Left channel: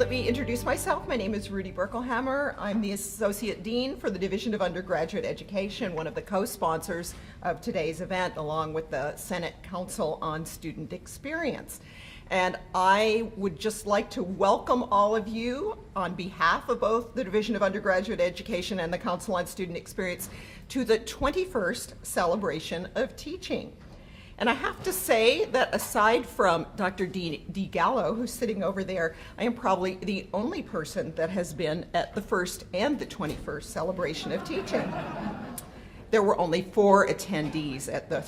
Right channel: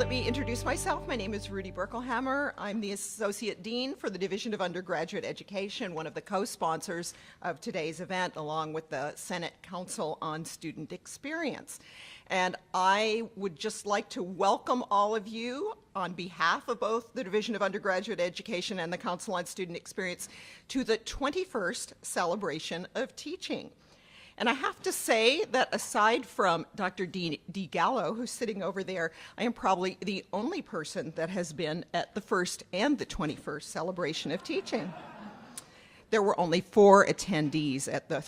Let me introduce myself. My name is Rudy Berkelhammer. I'm the Associate Dean for the Division of Undergraduate Education, one of the co-sponsors of today's event, along with the Senate Council on Student Experience. And I would just like to welcome all of you on behalf of both the Division of Undergraduate Education and the Council on Student Experience to the 21st Celebration of Teaching. And I have to say that aside from Dr. D. Gallo, who's sitting over there, I am probably the only person that has been at the first and the 21st Celebration of Teaching. There were only 4 attendees at the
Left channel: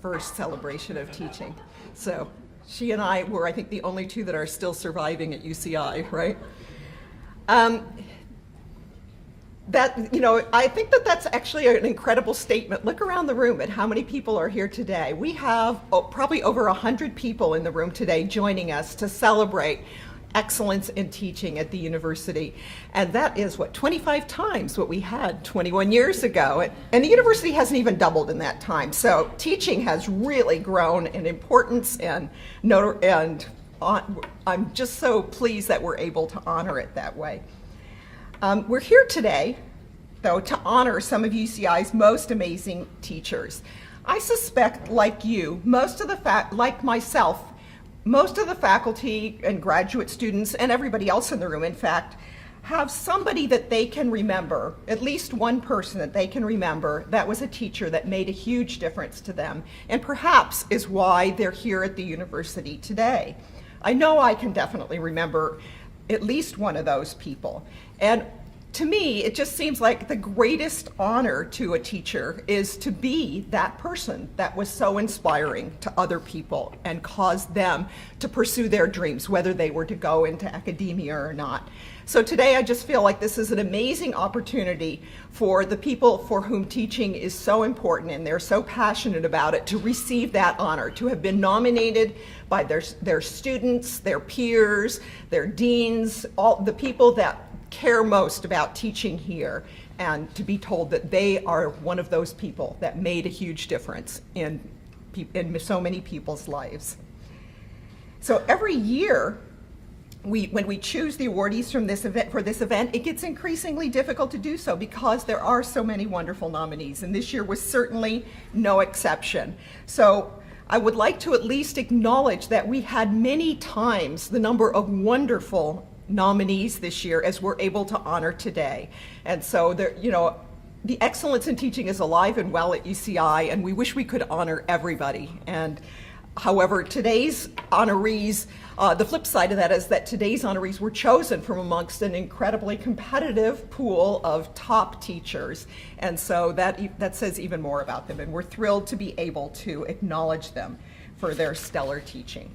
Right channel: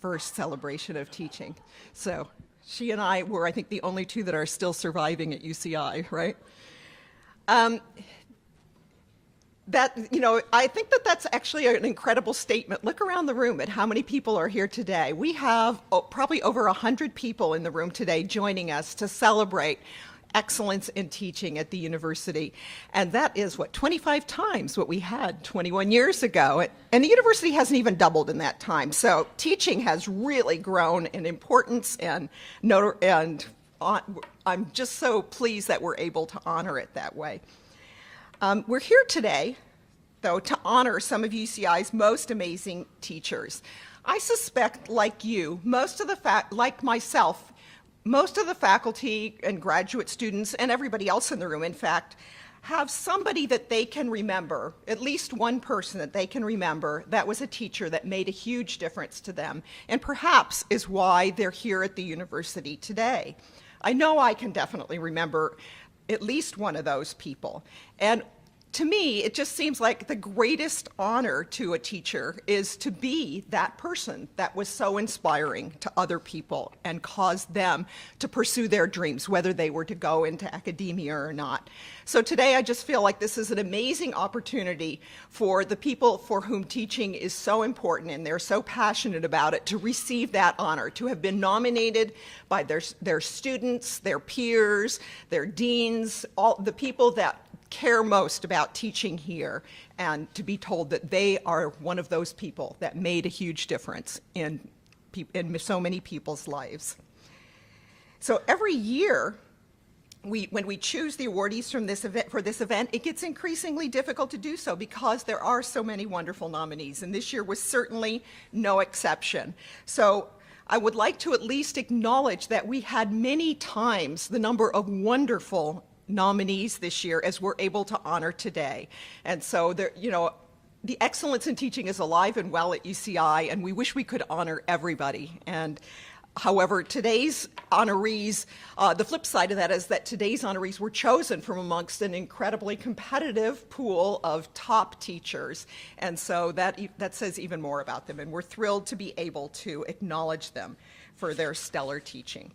first Celebration of Teaching. So she and I were, I think, the only 2 that are still surviving at UCI, right? I think that that's actually an incredible statement. Look around the room at how many people are here today. We have probably over 100 people in the room today joining us to celebrate excellence in teaching at the university. And that is, 25 times what we had 21 years ago. And the university hasn't even doubled in that time. So teaching has really grown in importance, and I'm just so pleased that we're able to honor it that way. We're here today, though, to honor some of UCI's most amazing teachers. I suspect, like you, like myself, most of the faculty and graduate students, and everybody else in the room, in fact, have somebody that they can remember, at least one person that they can remember that was a teacher that made a huge difference to them, and perhaps is why they're here at the university today. I know I can definitely remember at least one of those people. And to me, it just seems like the greatest honor to a teacher is to be that person that was so inspiring to other people and caused them to pursue their dreams, whether they were to go into academia or not. So today I just feel like this is an amazing opportunity for the people for whom teaching is so important and they're so passionate about it to receive that honor, to have been nominated by their students, their peers, their deans, all the people that care most about teaching here, and to be told that they are one of those people that made a huge difference in so many people's lives. So every year, when we choose the awardees for this event, it gets increasingly difficult to do so because there are so many wonderful nominees, and this year was certainly no exception. So I would like to at least acknowledge that we had many times the number of wonderful nominees this year as we're able to honor today. And so the excellence in teaching is alive and well at UCI, and we wish we could honor everybody. And however, today's honorees, the flip side of that is that today's honorees were chosen from amongst an incredibly competitive pool of top teachers. And so that says even more about them, and we're thrilled to be able to acknowledge them for their stellar teaching.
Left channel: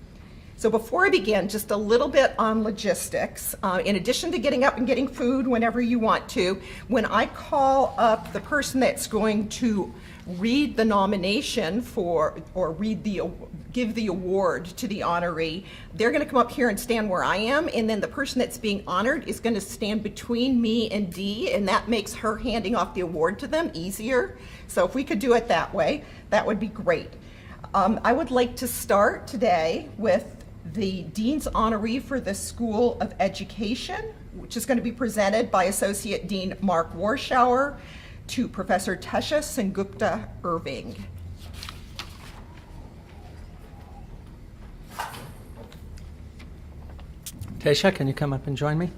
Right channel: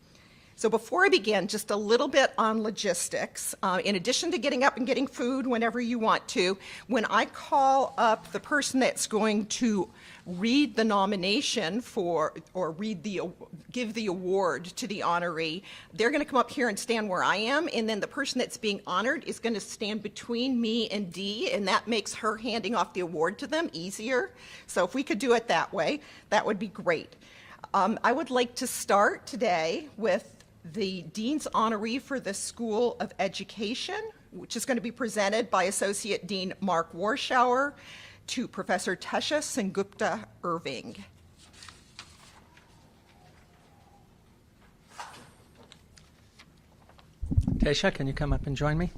So before I begin, just a little bit on logistics. In addition to getting up and getting food whenever you want to, when I call up the person that's going to read the nomination give the award to the honoree, they're going to come up here and stand where I am, and then the person that's being honored is going to stand between me and Dee, and that makes her handing off the award to them easier. So if we could do it that way, that would be great. I would like to start today with the Dean's Honoree for the School of Education, which is going to be presented by Associate Dean Mark Warschauer to Professor Tesha Sengupta Irving. Tesha, can you come up and join me?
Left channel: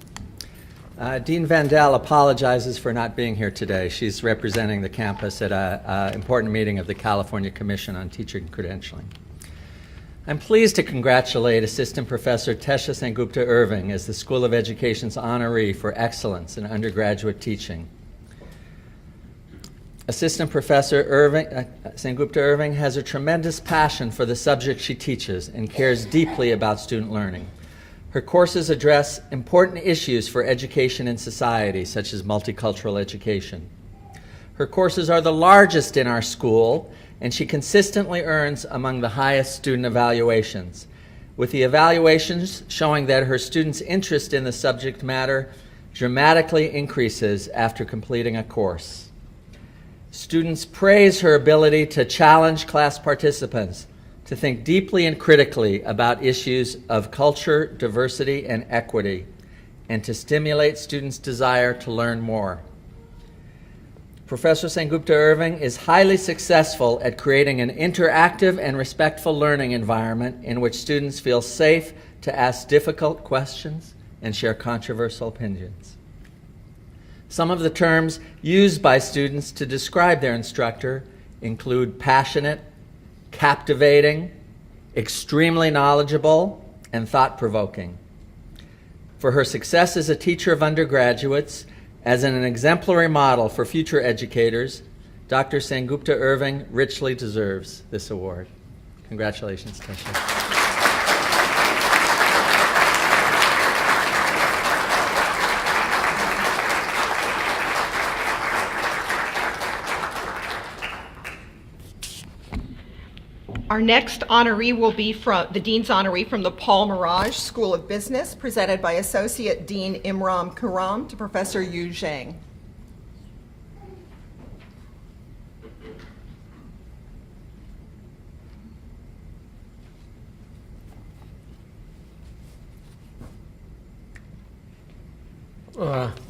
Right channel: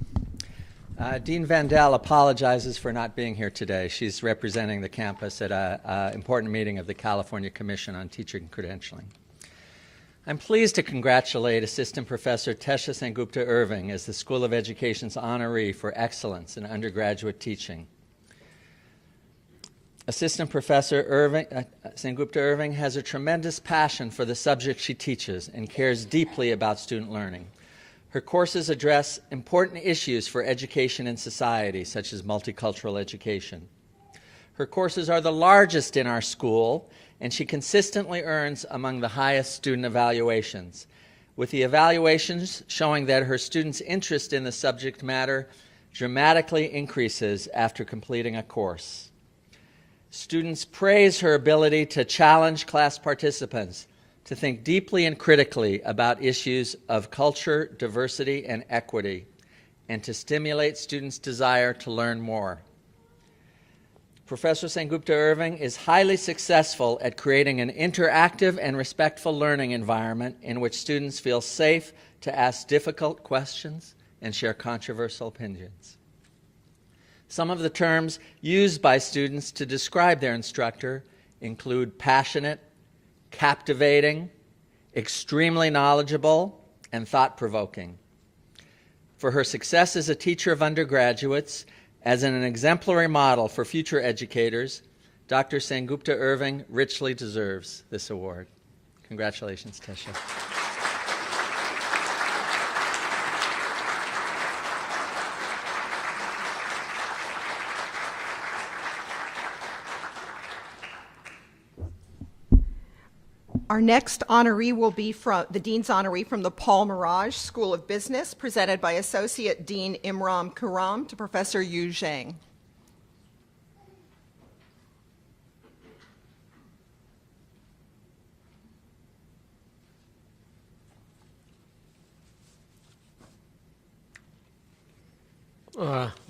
Dean Vandell apologizes for not being here today. She's representing the campus at an important meeting of the California Commission on Teaching Credentialing. I'm pleased to congratulate Assistant Professor Tesha Sengupta Irving as the School of Education's honoree for excellence in undergraduate teaching. Assistant Professor Sengupta Irving has a tremendous passion for the subject she teaches and cares deeply about student learning. Her courses address important issues for education and society, such as multicultural education. Her courses are the largest in our school, and she consistently earns among the highest student evaluations, with the evaluations showing that her students' interest in the subject matter dramatically increases after completing a course. Students praise her ability to challenge class participants to think deeply and critically about issues of culture, diversity, and equity, and to stimulate students' desire to learn more. Professor Sengupta Irving is highly successful at creating an interactive and respectful learning environment in which students feel safe to ask difficult questions and share controversial opinions. Some of the terms used by students to describe their instructor include passionate, captivating, extremely knowledgeable, and thought-provoking. For her success as a teacher of undergraduates, as an exemplary model for future educators, Dr. Sengupta Irving richly deserves this award. Congratulations, Tesha. Our next honoree will be from the Dean's Honoree from the Paul Mirage School of Business, presented by Associate Dean Imran Karam to Professor Yu Zhang.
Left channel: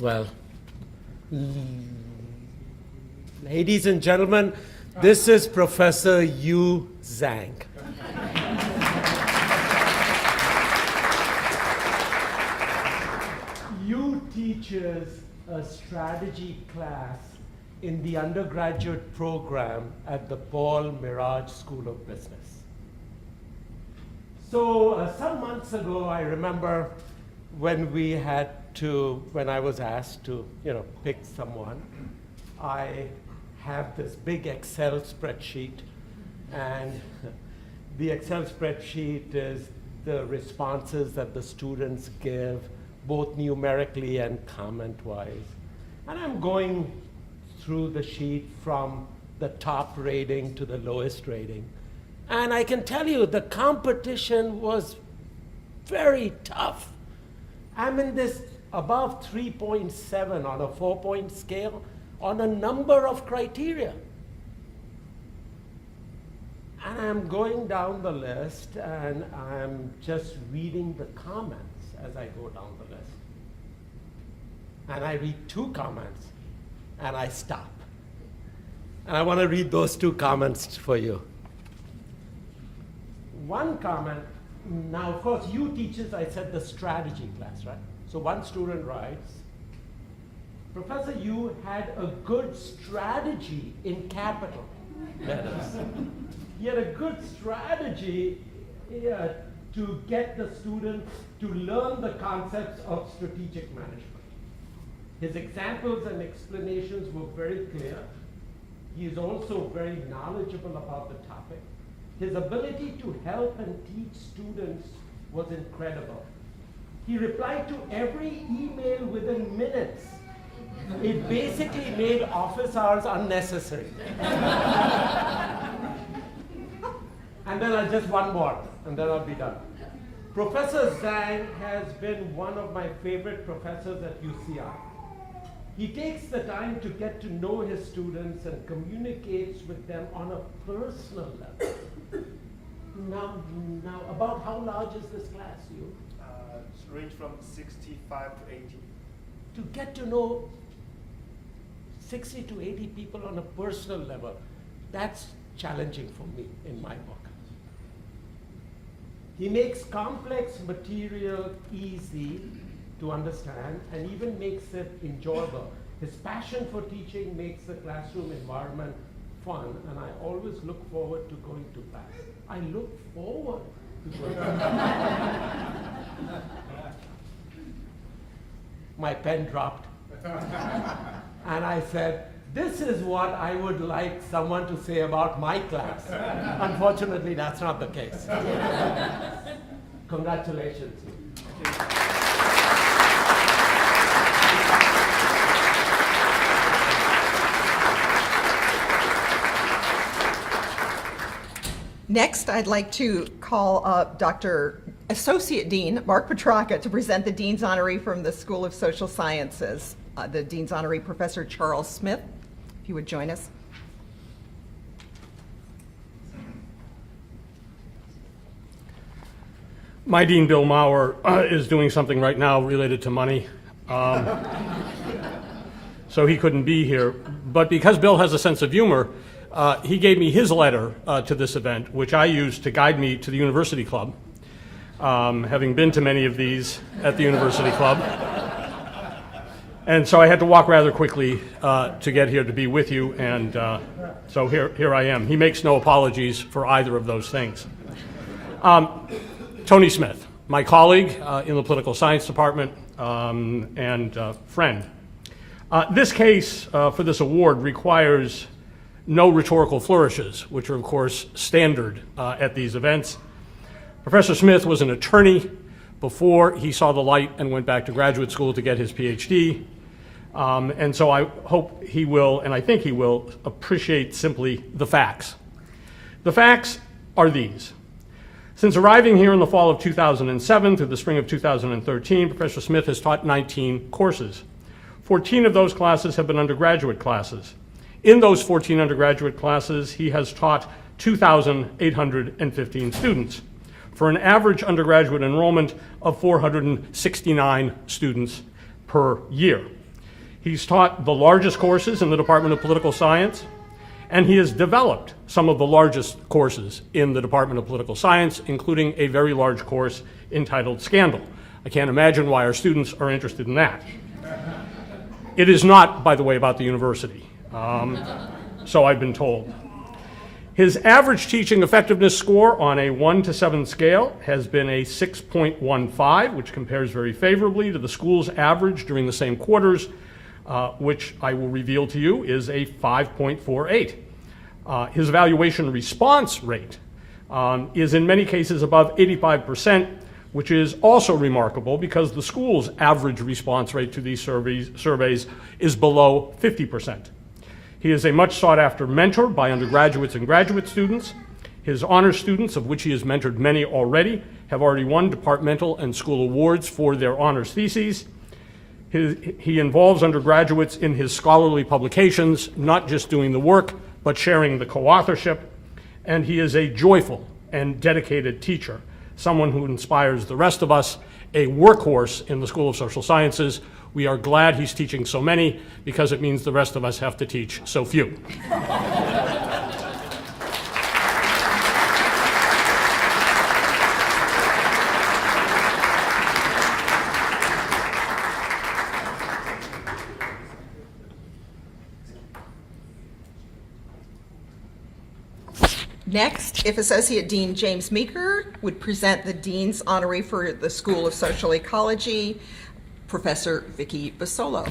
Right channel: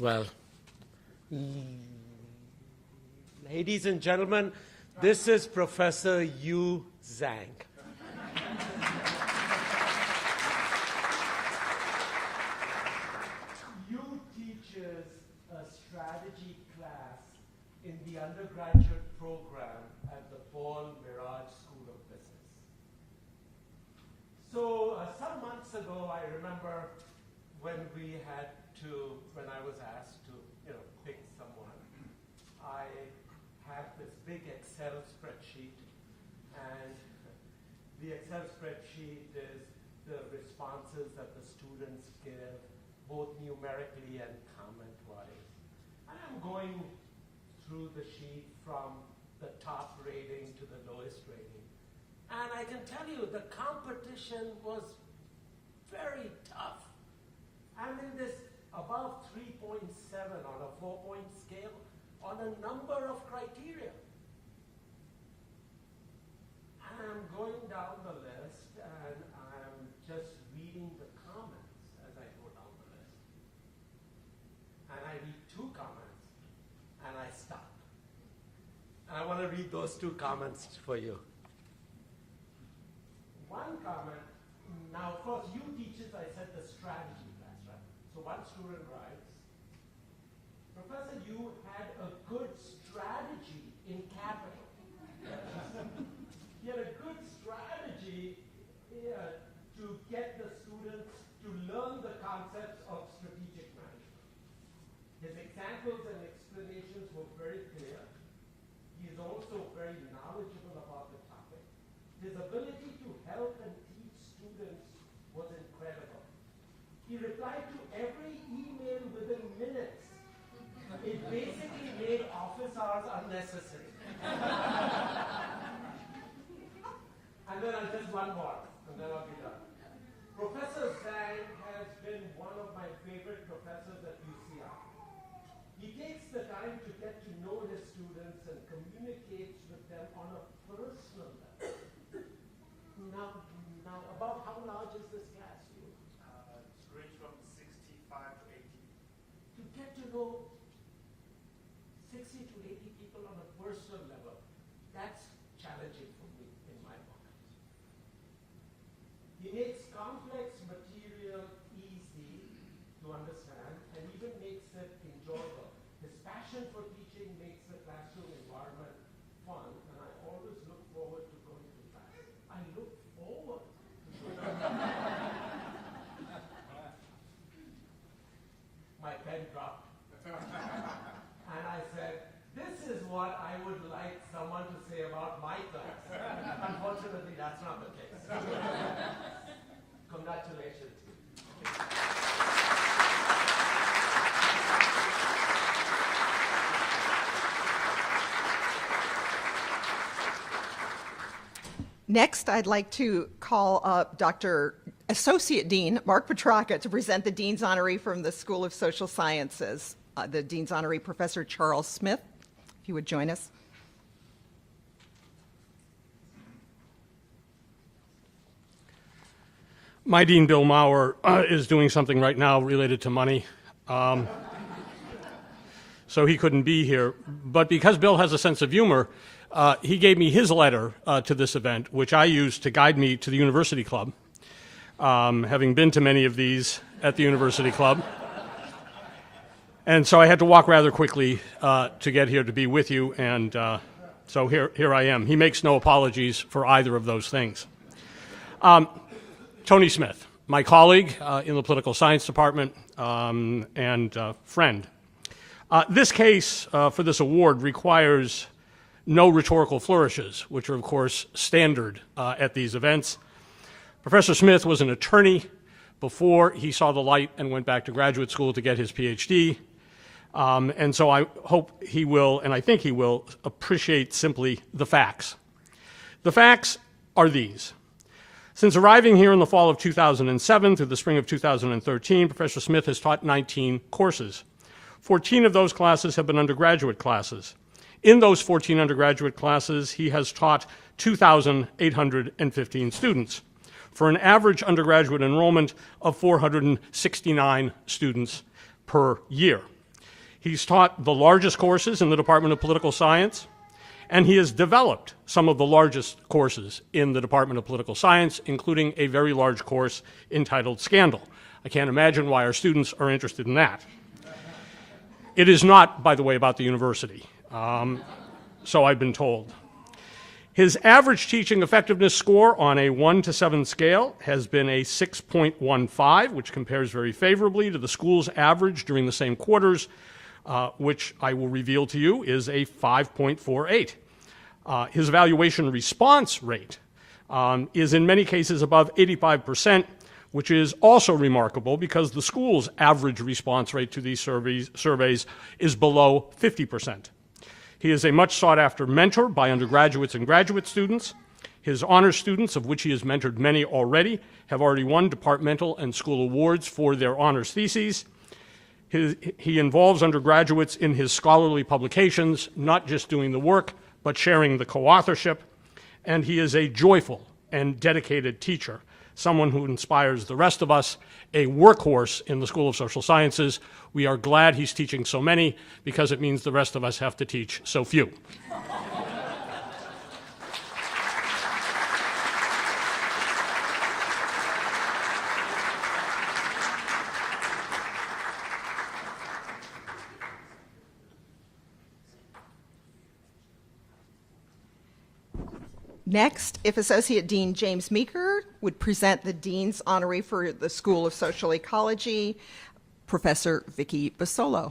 Well, ladies and gentlemen, this is Professor Yu Zhang. Yu teaches a strategy class in the undergraduate program at the Paul Mirage School of Business. So some months ago, I remember when I was asked to, pick someone, I have this big Excel spreadsheet, and the Excel spreadsheet is the responses that the students give, both numerically and comment-wise. And I'm going through the sheet from the top rating to the lowest rating. And I can tell you the competition was very tough. I'm in this above 3.7 on a 4-point scale on a number of criteria. And I'm going down the list, and I'm just reading the comments as I go down the list. And I read 2 comments, and I stop. And I want to read those 2 comments for you. One comment, now of course you teachers, I said the strategy class, right? So one student writes, Professor Yu had a good strategy in capital letters. He had a good strategy to get the students to learn the concepts of strategic management. His examples and explanations were very clear. He is also very knowledgeable about the topic. His ability to help and teach students was incredible. He replied to every email within minutes. It basically made office hours unnecessary. And then just one more, and then I'll be done. Professor Zhang has been one of my favorite professors at UCI. He takes the time to get to know his students and communicates with them on a personal level. Now, about how large is this class, you? It's range from 65 to 80. To get to know 60 to 80 people on a personal level, that's challenging for me in my book. He makes complex material easy to understand and even makes it enjoyable. His passion for teaching makes the classroom environment fun, and I always look forward to going to class. I look forward to going to class. My pen dropped. And I said, this is what I would like someone to say about my class. Unfortunately, that's not the case. Congratulations. Next, I'd like to call up Dr. Associate Dean Mark Petrarca to present the Dean's Honoree from the School of Social Sciences, the Dean's Honoree, Professor Charles Smith. If you would join us. My dean, Bill Maurer, is doing something right now related to money. So he couldn't be here. But because Bill has a sense of humor, he gave me his letter to this event, which I used to guide me to the University Club, having been to many of these at the University Club. And so I had to walk rather quickly to get here to be with you, and so here I am. He makes no apologies for either of those things. Tony Smith, my colleague in the political science department and friend. This case for this award requires no rhetorical flourishes, which are, of course, standard at these events. Professor Smith was an attorney before he saw the light and went back to graduate school to get his PhD. And so I hope he will, and I think he will, appreciate simply the facts. The facts are these. Since arriving here in the fall of 2007 through the spring of 2013, Professor Smith has taught 19 courses. 14 of those classes have been undergraduate classes. In those 14 undergraduate classes, he has taught 2,815 students for an average undergraduate enrollment of 469 students per year. He's taught the largest courses in the Department of Political Science, and he has developed some of the largest courses in the Department of Political Science, including a very large course entitled Scandal. I can't imagine why our students are interested in that. It is not, by the way, about the university, so I've been told. His average teaching effectiveness score on a 1 to 7 scale has been a 6.15, which compares very favorably to the school's average during the same quarters, which I will reveal to you is a 5.48. His evaluation response rate is in many cases above 85%, which is also remarkable because the school's average response rate to these surveys is below 50%. He is a much sought after mentor by undergraduates and graduate students. His honor students, of which he has mentored many already, have already won departmental and school awards for their honors theses. He involves undergraduates in his scholarly publications, not just doing the work, but sharing the co-authorship. And he is a joyful and dedicated teacher, someone who inspires the rest of us, a workhorse in the School of Social Sciences. We are glad he's teaching so many because it means the rest of us have to teach so few. Next, if Associate Dean James Meeker would present the Dean's Honoree for the School of Social Ecology, Professor Vicki Basolo.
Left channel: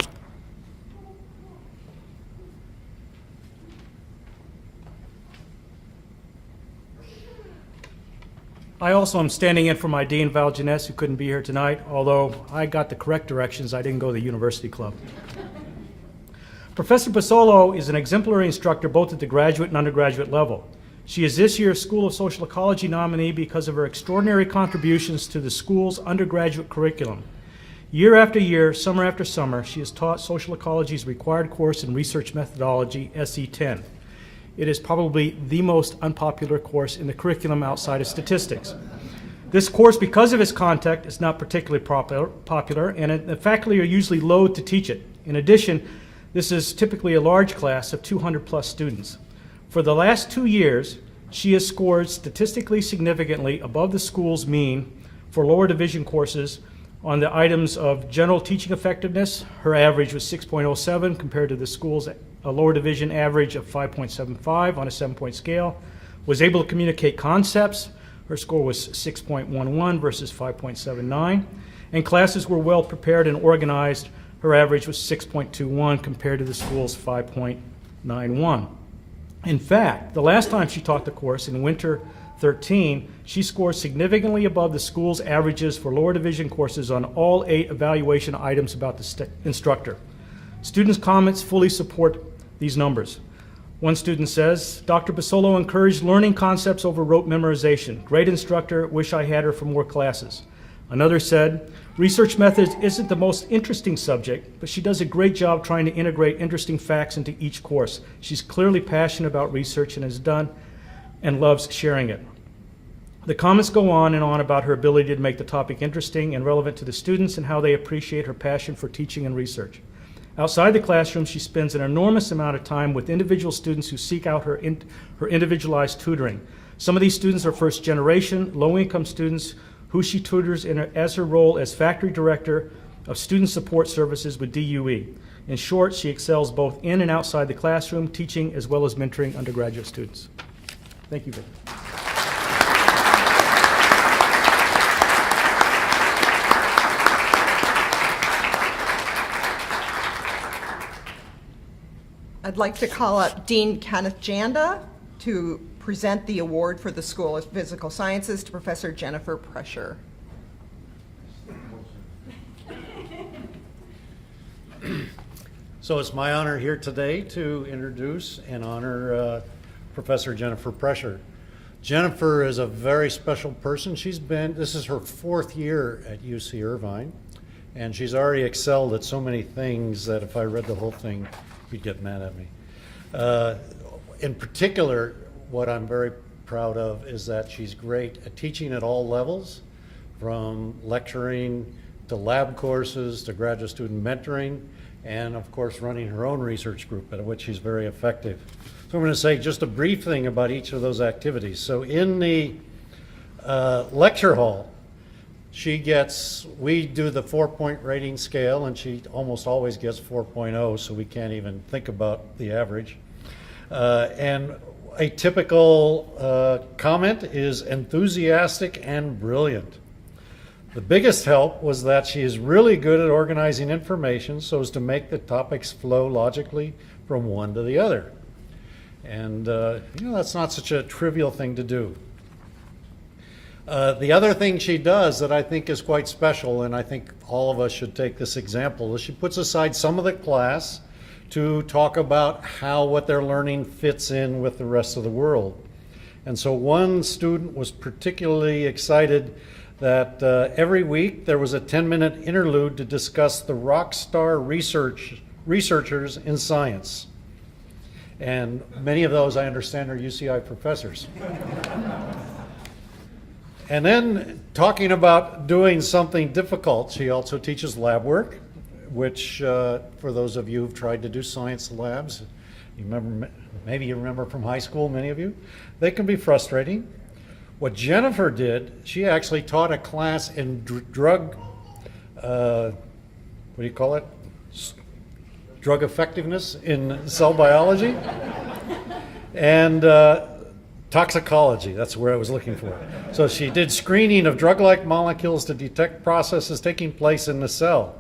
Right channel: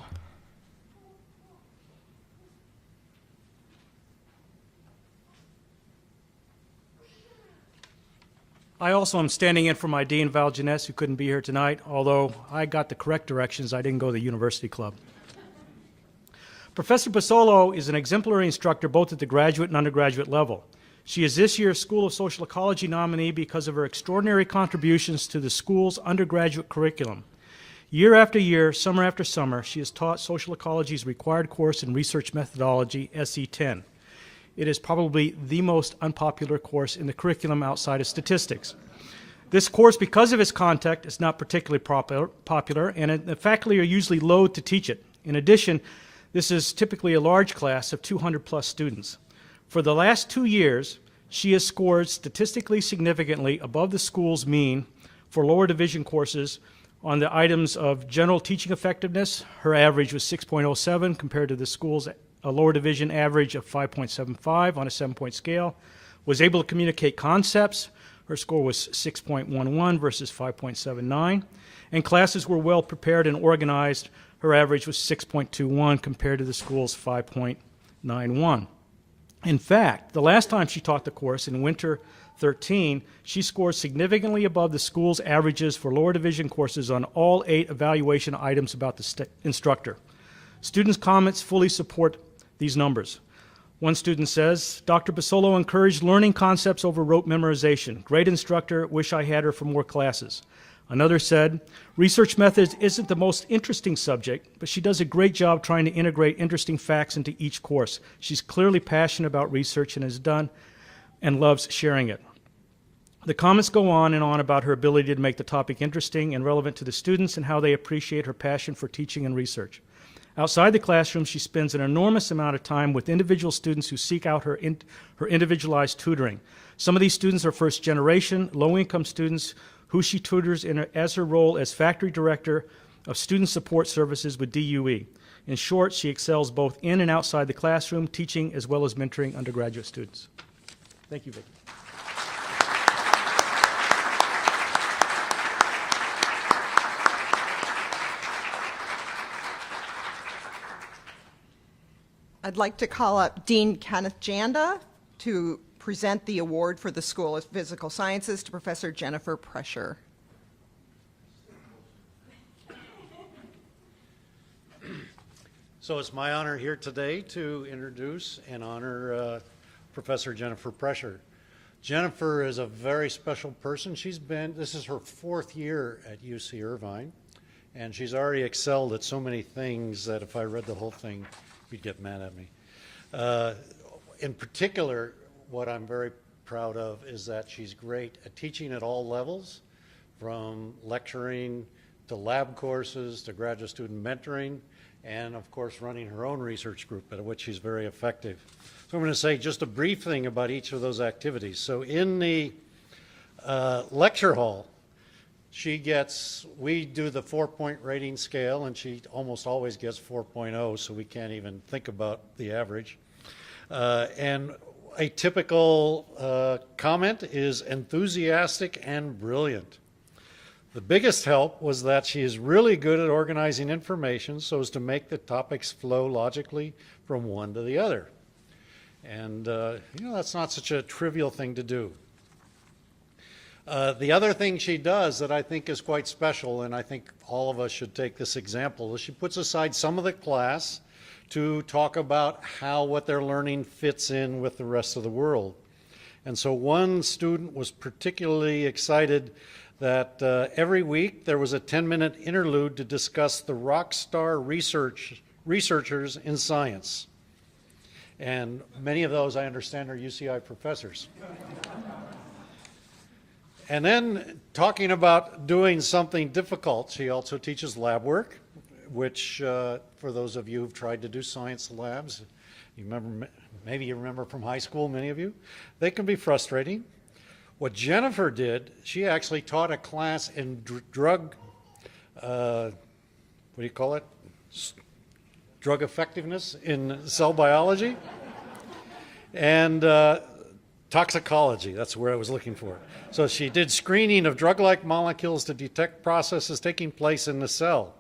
I also am standing in for my Dean, Val Janess, who couldn't be here tonight, although I got the correct directions. I didn't go to the University Club. Professor Basolo is an exemplary instructor both at the graduate and undergraduate level. She is this year's School of Social Ecology nominee because of her extraordinary contributions to the school's undergraduate curriculum. Year after year, summer after summer, she has taught social ecology's required course in research methodology, SE10. It is probably the most unpopular course in the curriculum outside of statistics. This course, because of its content, is not particularly popular, and the faculty are usually loath to teach it. In addition, this is typically a large class of 200 plus students. For the last 2 years, she has scored statistically significantly above the school's mean for lower division courses on the items of general teaching effectiveness. Her average was 6.07 compared to the school's lower division average of 5.75 on a 7-point scale. Was able to communicate concepts. Her score was 6.11 versus 5.79. And classes were well prepared and organized. Her average was 6.21 compared to the school's 5.91. In fact, the last time she taught the course in winter 13, she scored significantly above the school's averages for lower division courses on all 8 evaluation items about the instructor. Students' comments fully support these numbers. One student says, Dr. Basolo encouraged learning concepts over rote memorization. Great instructor, wish I had her for more classes. Another said, research methods isn't the most interesting subject, but she does a great job trying to integrate interesting facts into each course. She's clearly passionate about research and has done and loves sharing it. The comments go on and on about her ability to make the topic interesting and relevant to the students and how they appreciate her passion for teaching and research. Outside the classroom, she spends an enormous amount of time with individual students who seek out her individualized tutoring. Some of these students are first-generation, low-income students who she tutors as her role as factory director of student support services with DUE. In short, she excels both in and outside the classroom, teaching as well as mentoring undergraduate students. Thank you, Vic. I'd like to call up Dean Kenneth Janda to present the award for the School of Physical Sciences to Professor Jennifer Prescher. So it's my honor here today to introduce and honor Professor Jennifer Prescher. Jennifer is a very special person. This is her 4th year at UC Irvine, and she's already excelled at so many things that if I read the whole thing, you'd get mad at me. In particular, what I'm very proud of is that she's great at teaching at all levels, from lecturing to lab courses to graduate student mentoring, and of course running her own research group, at which she's very effective. So I'm going to say just a brief thing about each of those activities. So in the lecture hall, we do the 4-point rating scale, and she almost always gets 4.0, so we can't even think about the average. And a typical comment is enthusiastic and brilliant. The biggest help was that she is really good at organizing information so as to make the topics flow logically from one to the other. And that's not such a trivial thing to do. The other thing she does that I think is quite special, and I think all of us should take this example, is she puts aside some of the class to talk about how what they're learning fits in with the rest of the world. And so one student was particularly excited that every week there was a 10-minute interlude to discuss the rock star researchers in science. And many of those, I understand, are UCI professors. And then talking about doing something difficult, she also teaches lab work, which for those of you who've tried to do science labs, maybe you remember from high school, many of you, they can be frustrating. What Jennifer did, she actually taught a class in drug effectiveness in cell biology and toxicology. That's where I was looking for. So she did screening of drug-like molecules to detect processes taking place in the cell.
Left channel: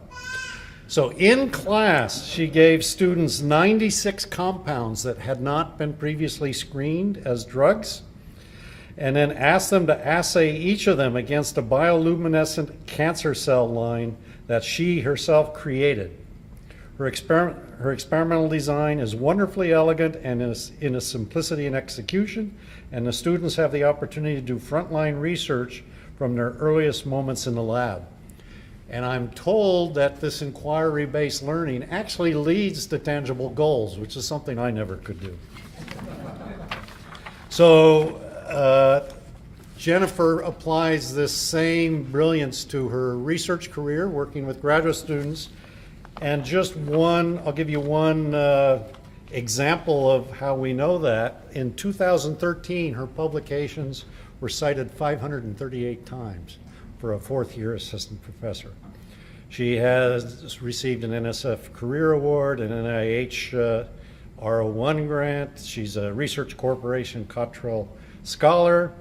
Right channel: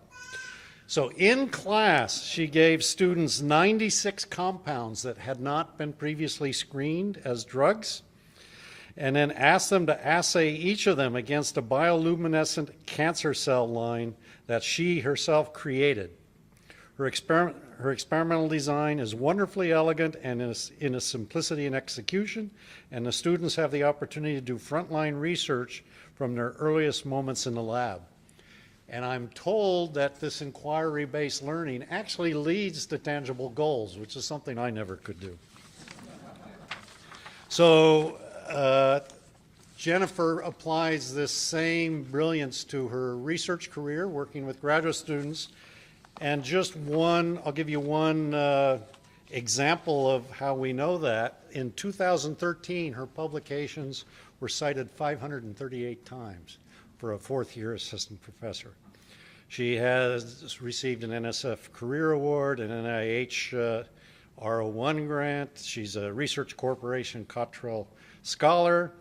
So in class, she gave students 96 compounds that had not been previously screened as drugs, and then asked them to assay each of them against a bioluminescent cancer cell line that she herself created. Her experimental design is wonderfully elegant and in a simplicity in execution, and the students have the opportunity to do frontline research from their earliest moments in the lab. And I'm told that this inquiry-based learning actually leads to tangible goals, which is something I never could do. So Jennifer applies this same brilliance to her research career, working with graduate students. And I'll give you one example of how we know that. In 2013, her publications were cited 538 times for a 4th-year assistant professor. She has received an NSF Career Award, an NIH R01 grant. She's a Research Corporation Cottrell Scholar,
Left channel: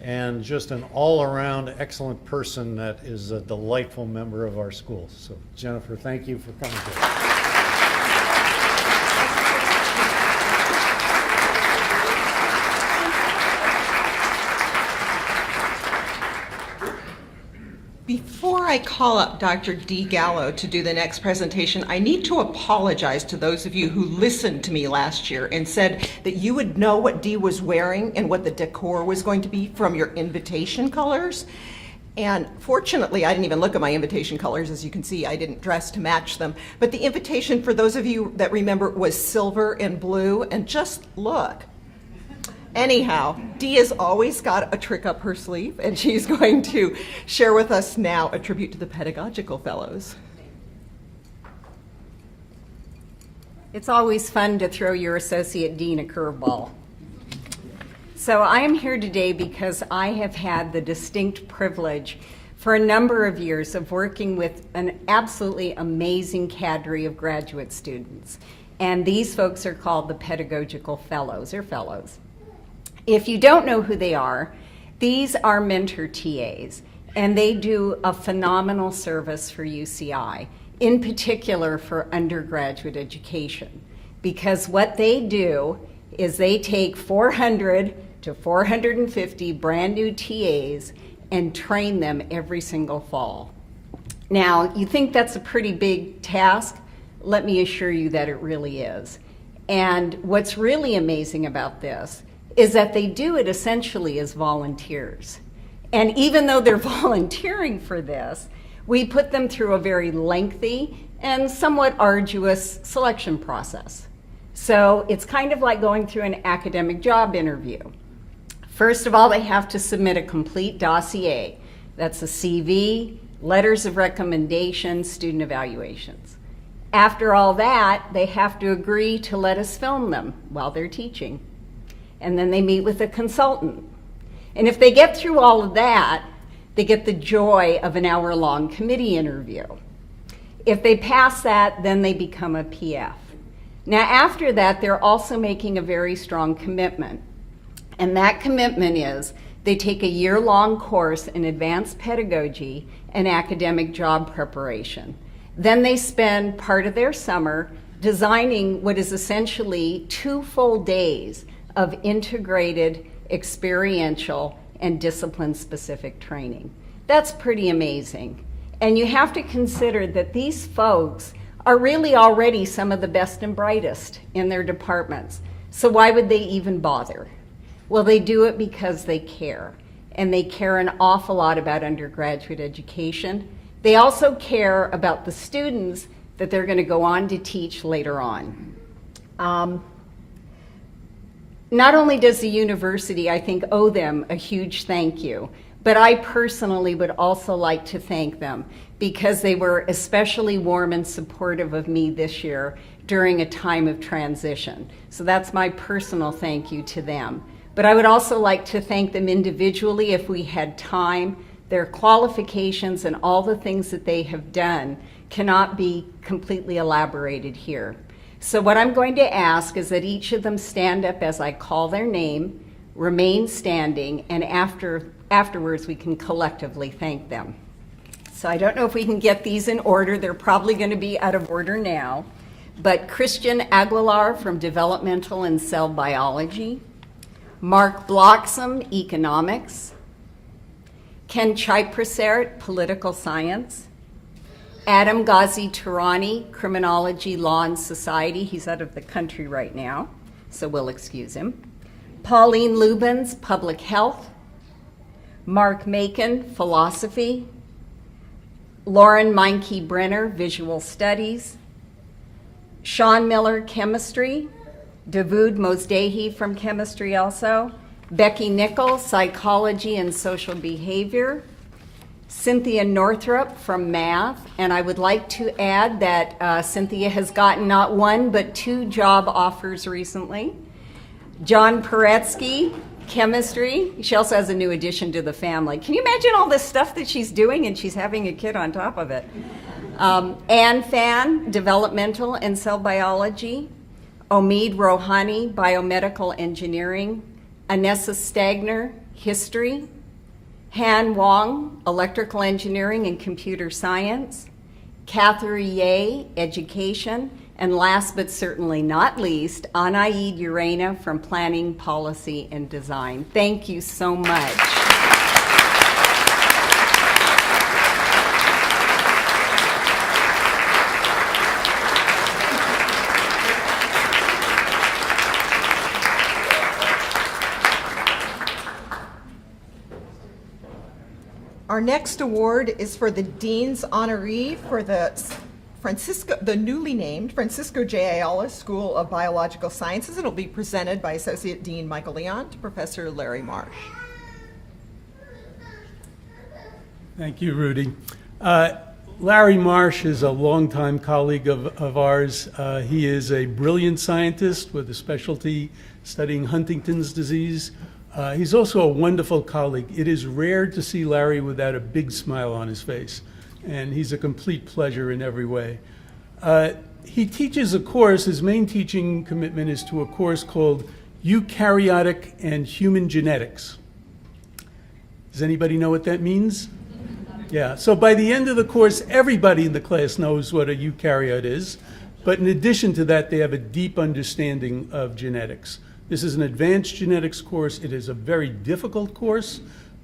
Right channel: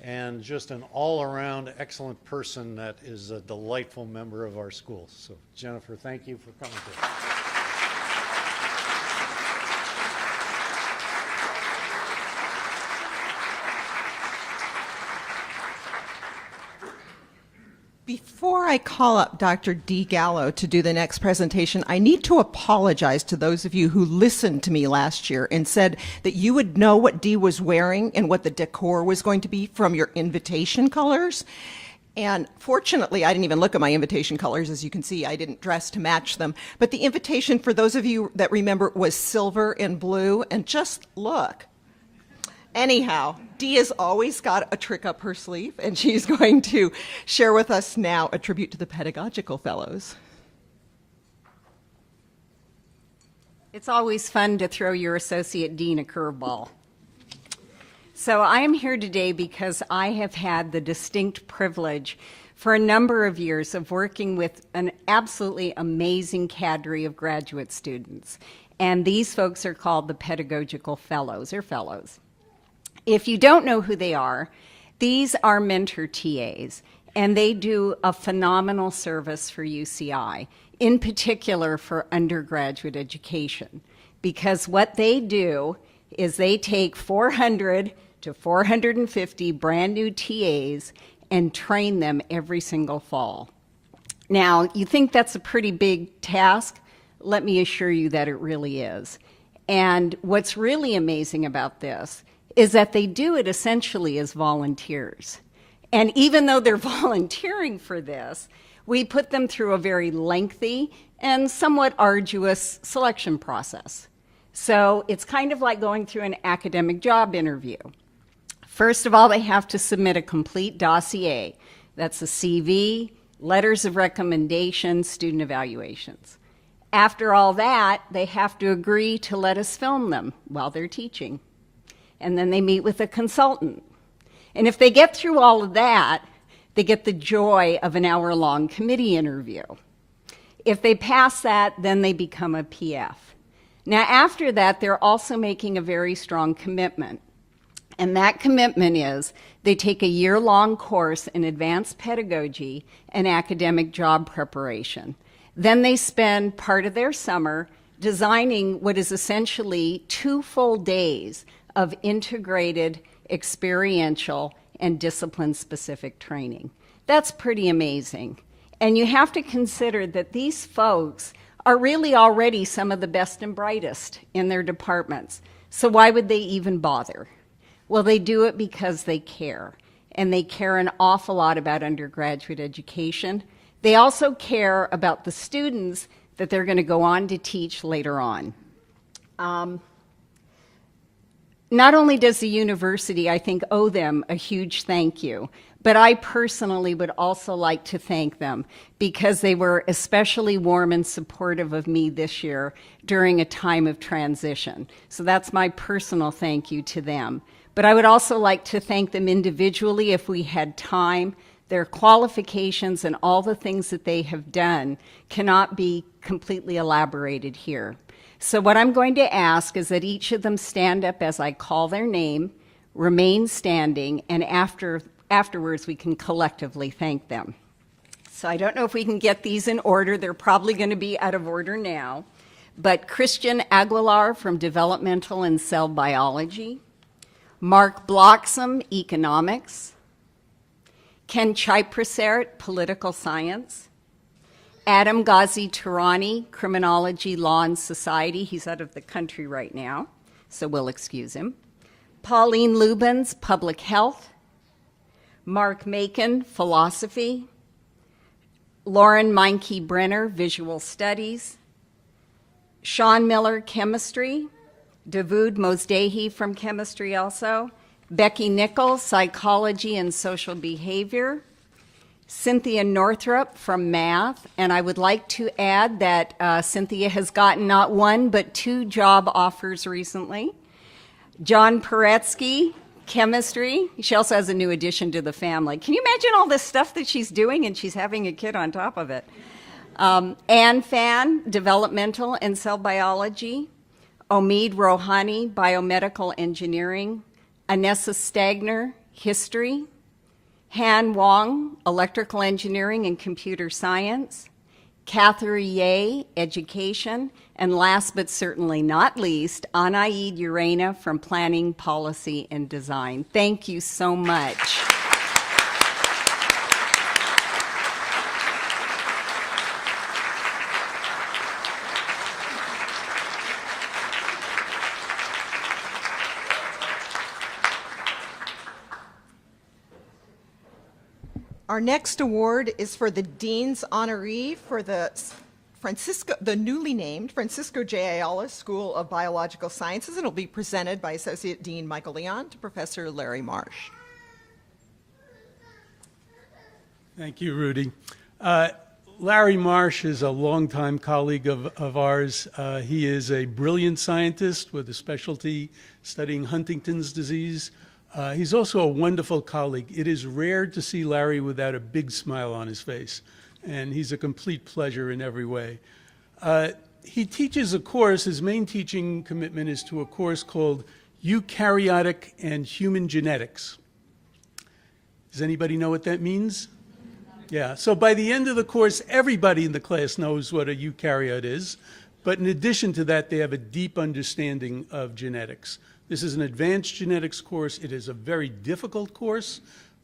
and just an all-around excellent person that is a delightful member of our school. So, Jennifer, thank you for coming today. Before I call up Dr. Dee Gallo to do the next presentation, I need to apologize to those of you who listened to me last year and said that you would know what Dee was wearing and what the decor was going to be from your invitation colors. And fortunately, I didn't even look at my invitation colors. As you can see, I didn't dress to match them. But the invitation, for those of you that remember, was silver and blue. And just look Anyhow, Dee has always got a trick up her sleeve, and she's going to share with us now a tribute to the Pedagogical Fellows. It's always fun to throw your associate dean a curveball. So I am here today because I have had the distinct privilege for a number of years of working with an absolutely amazing cadre of graduate students. And these folks are called the Pedagogical Fellows, or Fellows. If you don't know who they are, these are mentor TAs, and they do a phenomenal service for UCI, in particular for undergraduate education, because what they do is they take 400 to 450 brand new TAs and train them every single fall. Now, you think that's a pretty big task? Let me assure you that it really is. And what's really amazing about this is that they do it essentially as volunteers. And even though they're volunteering for this, we put them through a very lengthy and somewhat arduous selection process. So it's kind of like going through an academic job interview. First of all, they have to submit a complete dossier. That's a CV, letters of recommendation, student evaluations. After all that, they have to agree to let us film them while they're teaching. And then they meet with a consultant. And if they get through all of that, they get the joy of an hour-long committee interview. If they pass that, then they become a PF. Now, after that, they're also making a very strong commitment. And that commitment is they take a year-long course in advanced pedagogy and academic job preparation. Then they spend part of their summer designing what is essentially 2 full days of integrated, experiential, and discipline-specific training. That's pretty amazing. And you have to consider that these folks are really already some of the best and brightest in their departments. So why would they even bother? Well, they do it because they care. And they care an awful lot about undergraduate education. They also care about the students that they're going to go on to teach later on. Not only does the university, I think, owe them a huge thank you, but I personally would also like to thank them because they were especially warm and supportive of me this year during a time of transition. So that's my personal thank you to them. But I would also like to thank them individually if we had time. Their qualifications and all the things that they have done cannot be completely elaborated here. So what I'm going to ask is that each of them stand up as I call their name, remain standing, and afterwards we can collectively thank them. So I don't know if we can get these in order. They're probably going to be out of order now. But Christian Aguilar from Developmental and Cell Biology, Mark Bloxam, Economics, Ken Chiprasert, Political Science, Adam Ghazi Turani, Criminology, Law, and Society. He's out of the country right now, so we'll excuse him. Pauline Lubens, Public Health. Mark Macon, Philosophy. Lauren Meinke-Brenner, Visual Studies. Sean Miller, Chemistry. Davud Mozdehi from Chemistry also. Becky Nichols, Psychology and Social Behavior. Cynthia Northrup from Math, and I would like to add that Cynthia has gotten not 1 but 2 job offers recently. John Paretsky, Chemistry. She also has a new addition to the family. Can you imagine all this stuff that she's doing and she's having a kid on top of it? Anne Fan, Developmental and Cell Biology. Omid Rohani, Biomedical Engineering. Anessa Stagner, History. Han Wong, Electrical Engineering and Computer Science. Catherine Ye, Education. And last but certainly not least, Anaid Urena from Planning, Policy, and Design. Thank you so much. Our next award is for the Dean's Honoree for the newly named Francisco J. Ayala School of Biological Sciences, and it'll be presented by Associate Dean Michael Leon to Professor Larry Marsh. Thank you, Rudy. Larry Marsh is a longtime colleague of ours. He is a brilliant scientist with a specialty studying Huntington's disease. He's also a wonderful colleague. It is rare to see Larry without a big smile on his face, and he's a complete pleasure in every way. He teaches a course, his main teaching commitment is to a course called Eukaryotic and Human Genetics. Does anybody know what that means? Yeah, so by the end of the course, everybody in the class knows what a eukaryote is, but in addition to that, they have a deep understanding of genetics. This is an advanced genetics course. It is a very difficult course.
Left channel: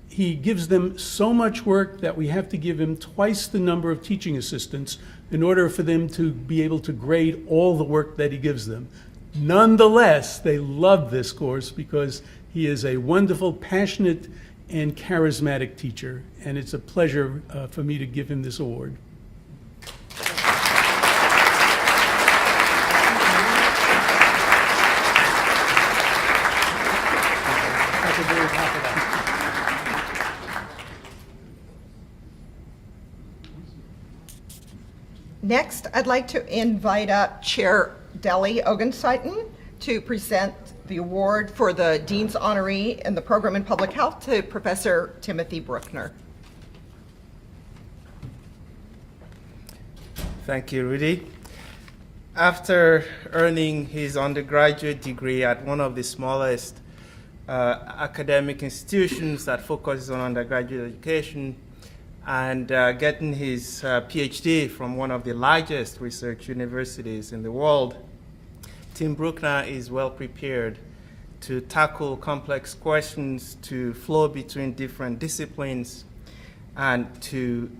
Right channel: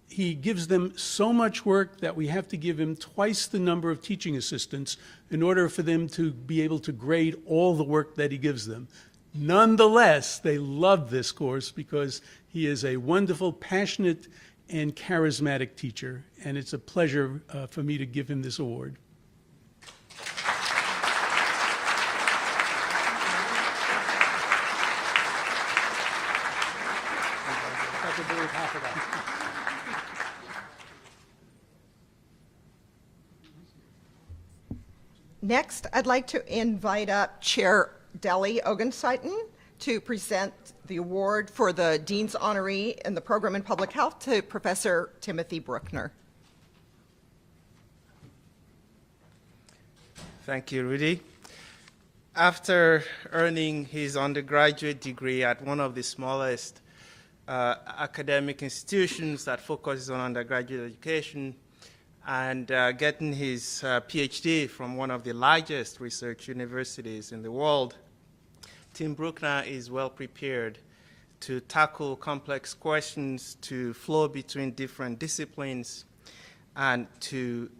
He gives them so much work that we have to give him twice the number of teaching assistants in order for them to be able to grade all the work that he gives them. Nonetheless, they love this course because he is a wonderful, passionate, and charismatic teacher, and it's a pleasure for me to give him this award. Next, I'd like to invite up Chair Deli Ogunsaiten to present the award for the Dean's Honoree in the Program in Public Health to Professor Timothy Bruckner. Thank you, Rudy. After earning his undergraduate degree at one of the smallest academic institutions that focuses on undergraduate education, and getting his PhD from one of the largest research universities in the world, Tim Bruckner is well prepared to tackle complex questions, to flow between different disciplines, and to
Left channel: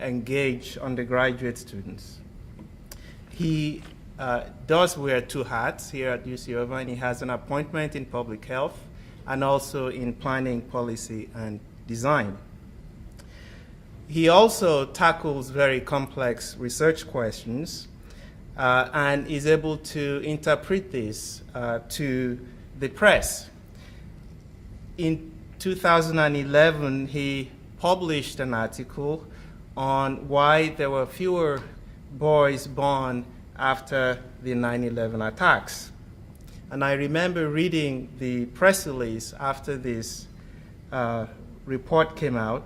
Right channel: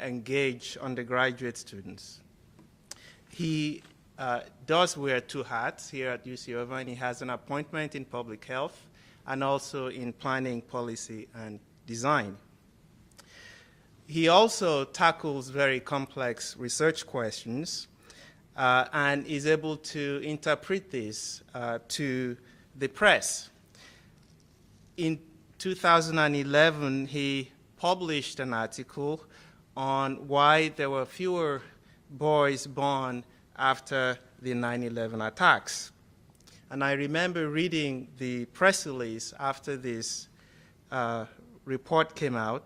engage undergraduate students. He does wear two hats here at UC Irvine. He has an appointment in public health and also in planning, policy, and design. He also tackles very complex research questions and is able to interpret this to the press. In 2011, he published an article on why there were fewer boys born after the 9/11 attacks. And I remember reading the press release after this report came out,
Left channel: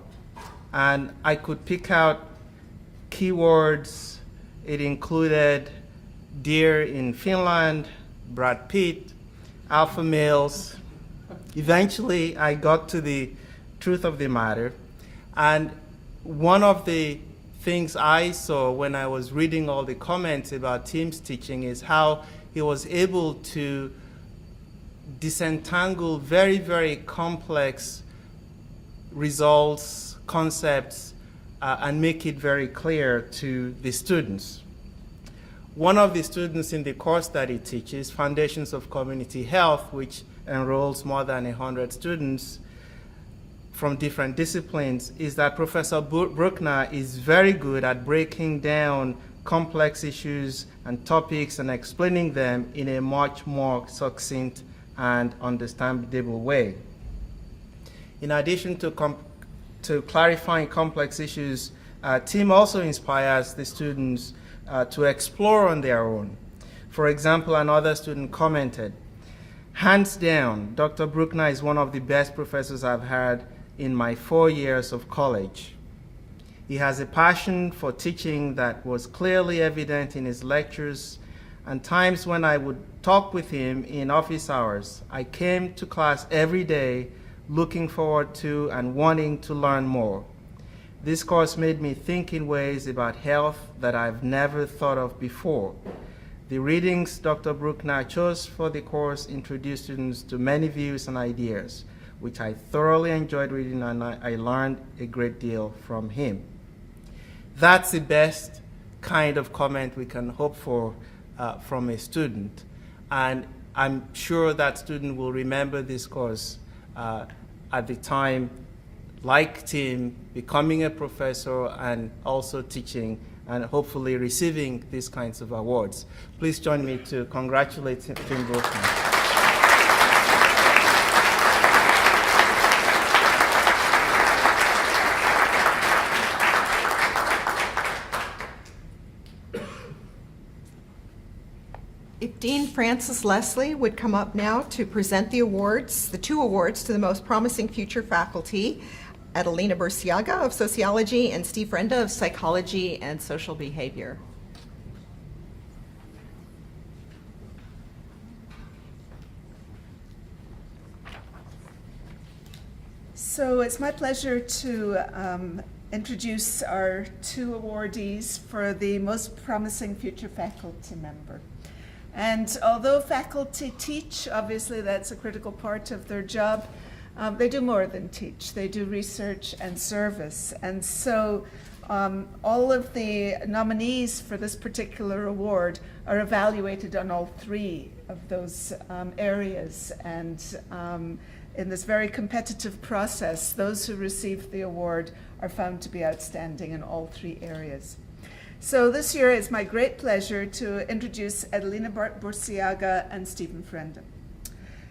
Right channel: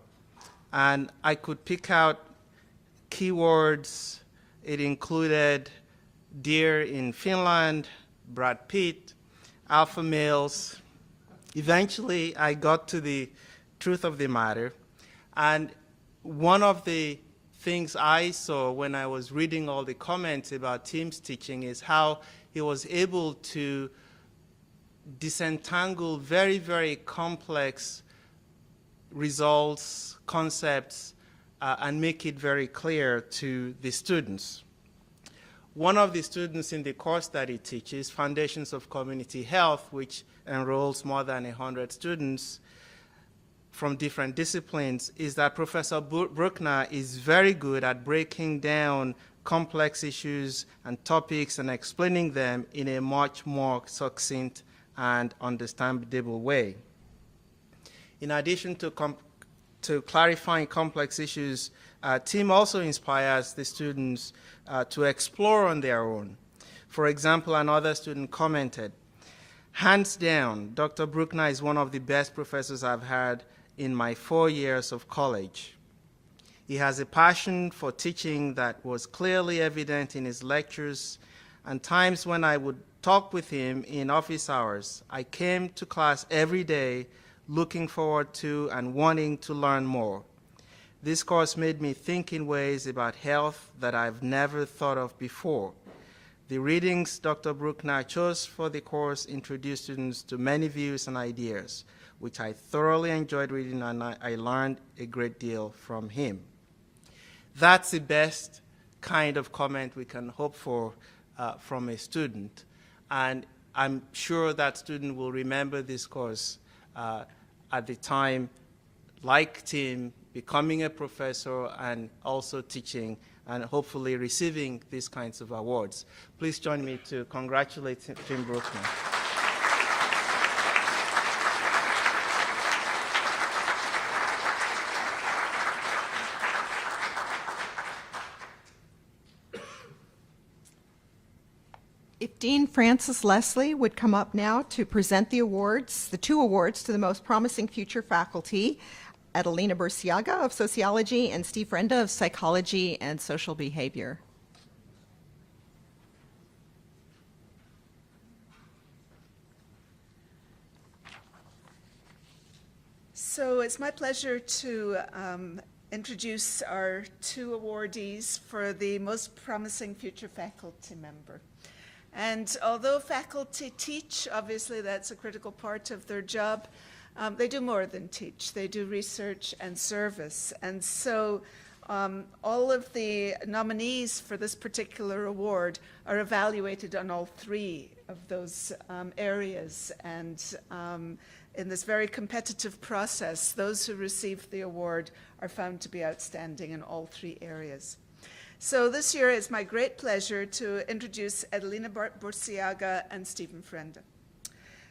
and I could pick out keywords. It included deer in Finland, Brad Pitt, alpha males. Eventually, I got to the truth of the matter. And one of the things I saw when I was reading all the comments about Tim's teaching is how he was able to disentangle very, very complex results, concepts, and make it very clear to the students. One of the students in the course that he teaches, Foundations of Community Health, which enrolls more than 100 students from different disciplines, is that Professor Bruckner is very good at breaking down complex issues and topics and explaining them in a much more succinct and understandable way. In addition to clarifying complex issues, Tim also inspires the students to explore on their own. For example, another student commented, "Hands down, Dr. Bruckner is one of the best professors I've had in my 4 years of college. He has a passion for teaching that was clearly evident in his lectures, and times when I would talk with him in office hours, I came to class every day looking forward to and wanting to learn more. This course made me think in ways about health that I've never thought of before. The readings Dr. Bruckner chose for the course introduced students to many views and ideas, which I thoroughly enjoyed reading, and I learned a great deal from him." That's the best kind of comment we can hope for from a student. And I'm sure that student will remember this course at the time, like Tim, becoming a professor and also teaching and hopefully receiving these kinds of awards. Please join me to congratulate Tim Brookman. If Dean Francis Leslie would come up now to present the awards, the 2 awards to the most promising future faculty, Adelina Burciaga of Sociology and Steve Frenda of Psychology and Social Behavior. So it's my pleasure to introduce our 2 awardees for the most promising future faculty member. And although faculty teach, obviously that's a critical part of their job, they do more than teach. They do research and service. And so all of the nominees for this particular award are evaluated on all 3 of those areas. And in this very competitive process, those who receive the award are found to be outstanding in all 3 areas. So this year it's my great pleasure to introduce Adelina Burciaga and Stephen Frenda.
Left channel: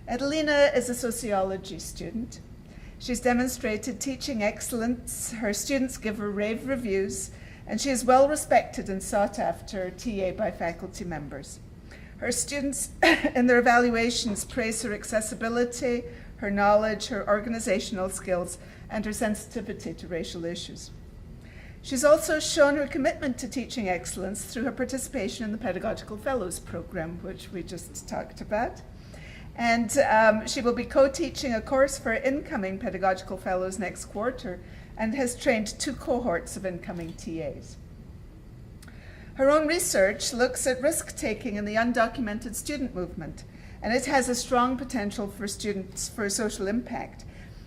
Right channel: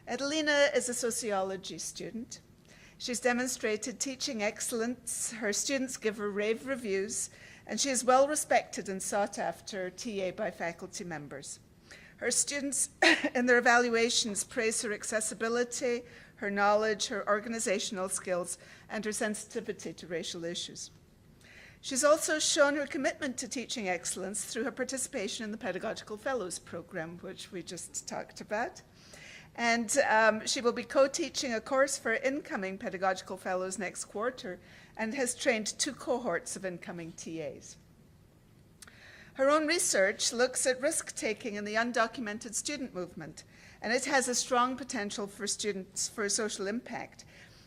Adelina is a sociology student. She's demonstrated teaching excellence, her students give her rave reviews, and she is well respected and sought after TA by faculty members. Her students in their evaluations praise her accessibility, her knowledge, her organizational skills, and her sensitivity to racial issues. She's also shown her commitment to teaching excellence through her participation in the Pedagogical Fellows Program, which we just talked about. And she will be co-teaching a course for incoming Pedagogical Fellows next quarter and has trained 2 cohorts of incoming TAs. Her own research looks at risk-taking in the undocumented student movement, and it has a strong potential for students for social impact.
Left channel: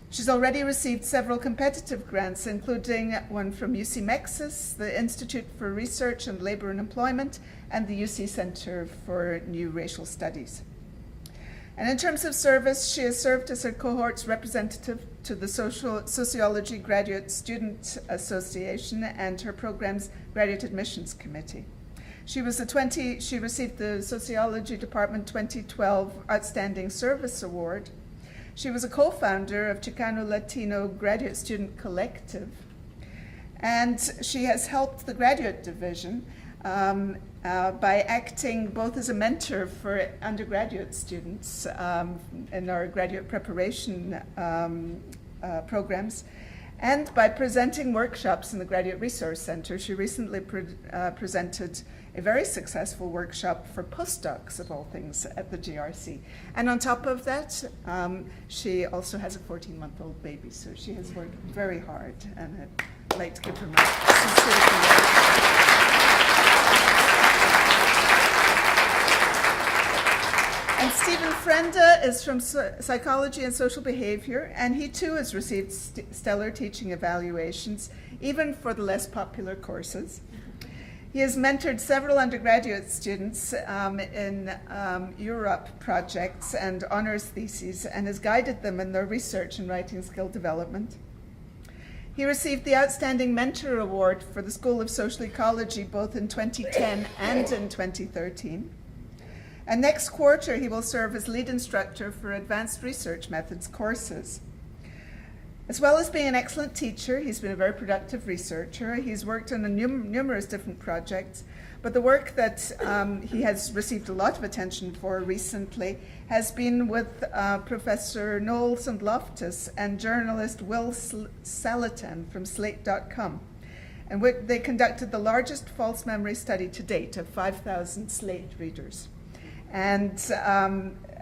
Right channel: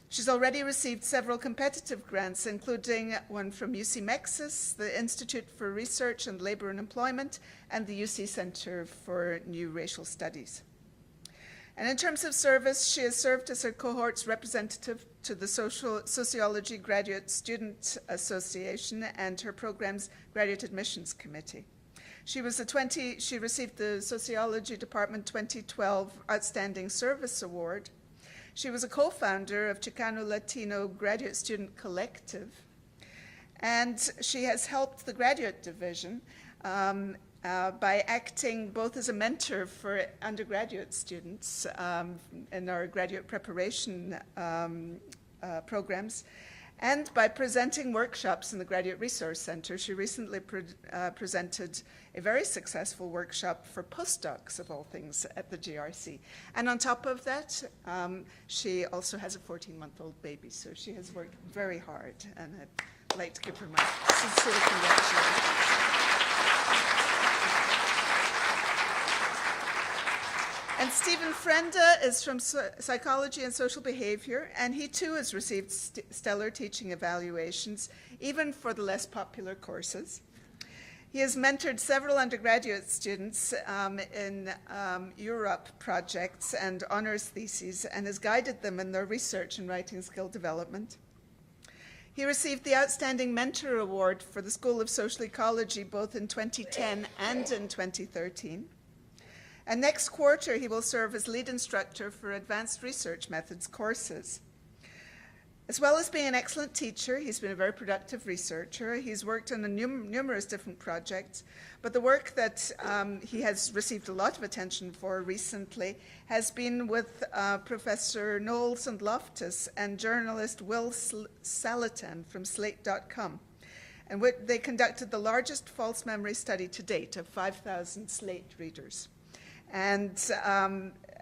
She's already received several competitive grants, including one from UC Mexis, the Institute for Research and Labor and Employment, and the UC Center for New Racial Studies. And in terms of service, she has served as her cohort's representative to the Sociology Graduate Student Association and her program's Graduate Admissions Committee. She received the Sociology Department 2012 Outstanding Service Award. She was a co-founder of Chicano Latino Graduate Student Collective, and she has helped the graduate division by acting both as a mentor for undergraduate students in our graduate preparation programs, and by presenting workshops in the Graduate Resource Center. She recently presented a very successful workshop for postdocs, of all things, at the GRC. And on top of that, she also has a 14-month-old baby, so she has worked very hard, and I'd like to give her my sincere congratulations. And Stephen Frenda is from Psychology and Social Behavior, and he too has received stellar teaching evaluations, even for the less popular courses. He has mentored several undergraduate students in Europe projects and honors theses, and has guided them in their research and writing skill development. He received the Outstanding Mentor Award for the School of Social Ecology both in 2010 and in 2013. And next quarter, he will serve as lead instructor for Advanced Research Methods courses. As well as being an excellent teacher, he's been a very productive researcher. He's worked on numerous different projects, but the work that he has received a lot of attention for recently has been with Professor Knowles and Loftus and journalist Will Salatin from Slate.com. And they conducted the largest false memory study to date of 5,000 Slate readers. And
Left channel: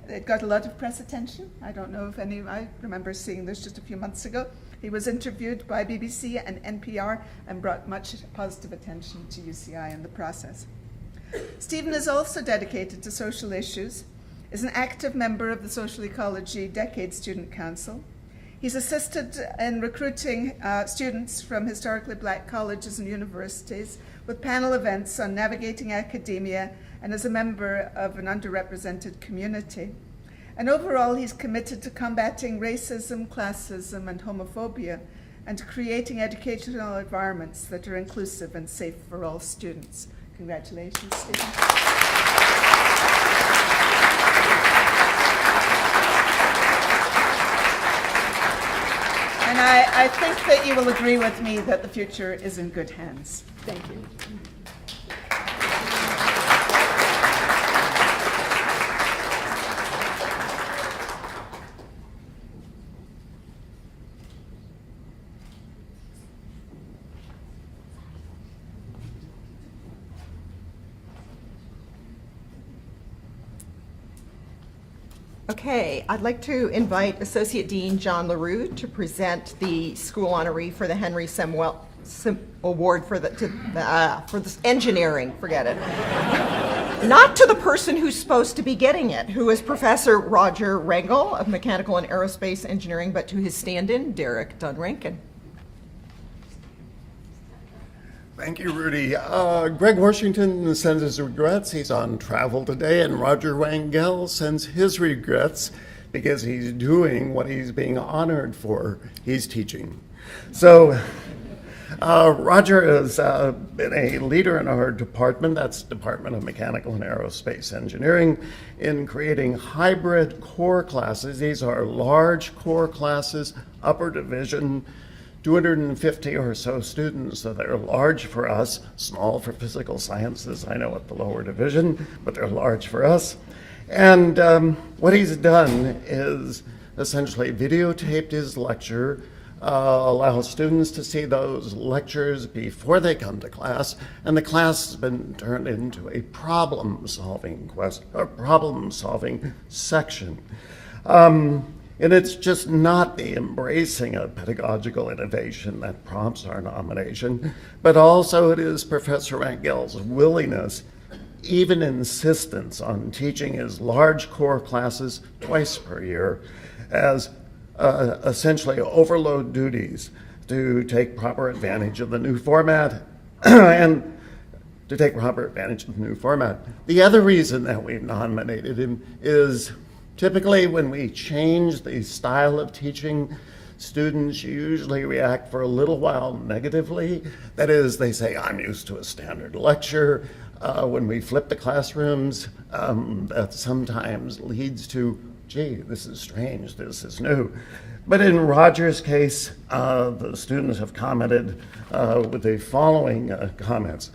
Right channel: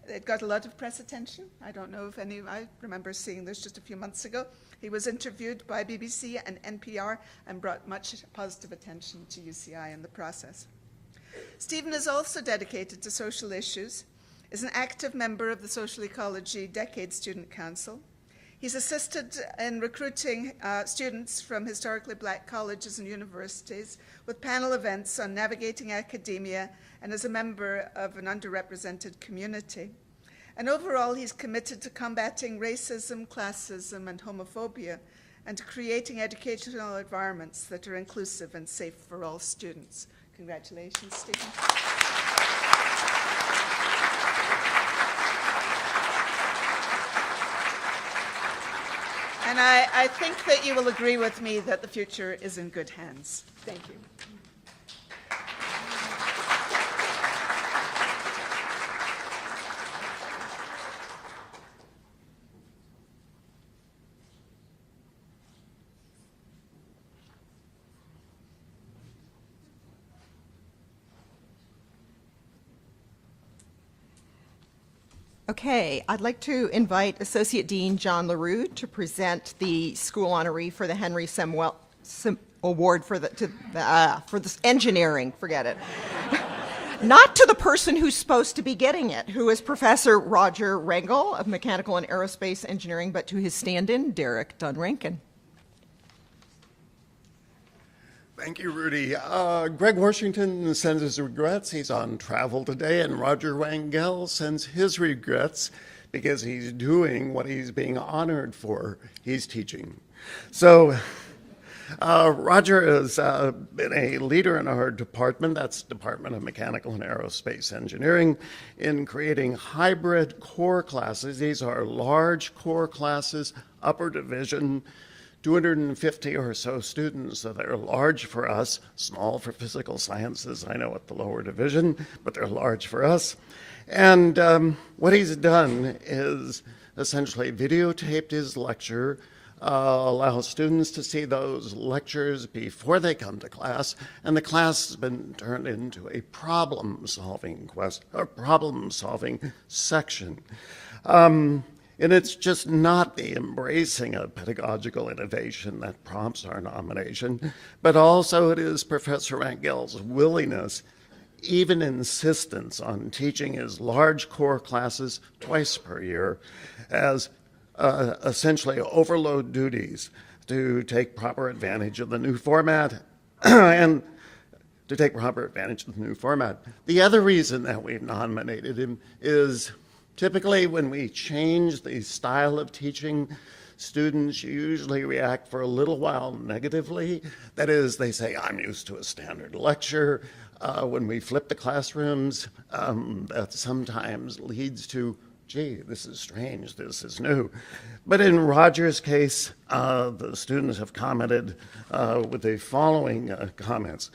it got a lot of press attention. I don't know if I remember seeing this just a few months ago. He was interviewed by BBC and NPR and brought much positive attention to UCI in the process. Stephen is also dedicated to social issues, is an active member of the Social Ecology Decade Student Council. He's assisted in recruiting students from historically black colleges and universities with panel events on navigating academia, and is a member of an underrepresented community. And overall, he's committed to combating racism, classism, and homophobia, and creating educational environments that are inclusive and safe for all students. Congratulations, Stephen. And I think that you will agree with me that the future is in good hands. Thank you. Okay, I'd like to invite Associate Dean John LaRue to present the school honoree for the Henry Samuel Award for the engineering, forget it. Not to the person who's supposed to be getting it, who is Professor Roger Rangel of Mechanical and Aerospace Engineering, but to his stand-in, Derek Dunrankin. Thank you, Rudy. Greg Washington sends his regrets. He's on travel today, and Roger Rangel sends his regrets because he's doing what he's being honored for. He's teaching. So Roger has been a leader in our department, that's Department of Mechanical and Aerospace Engineering, in creating hybrid core classes. These are large core classes, upper division, 250 or so students, so they're large for us, small for physical sciences, I know at the lower division, but they're large for us. And what he's done is essentially videotaped his lecture, allow students to see those lectures before they come to class, and the class has been turned into a problem-solving section. And it's just not the embracing of pedagogical innovation that prompts our nomination, but also it is Professor Rangel's willingness, even insistence on teaching his large core classes twice per year as essentially overload duties to take proper advantage of the new format and to take proper advantage of the new format. The other reason that we've nominated him is typically when we change the style of teaching, students usually react for a little while negatively. That is, they say, I'm used to a standard lecture. When we flip the classrooms, that sometimes leads to, gee, this is strange, this is new. But in Roger's case, the students have commented with the following comments.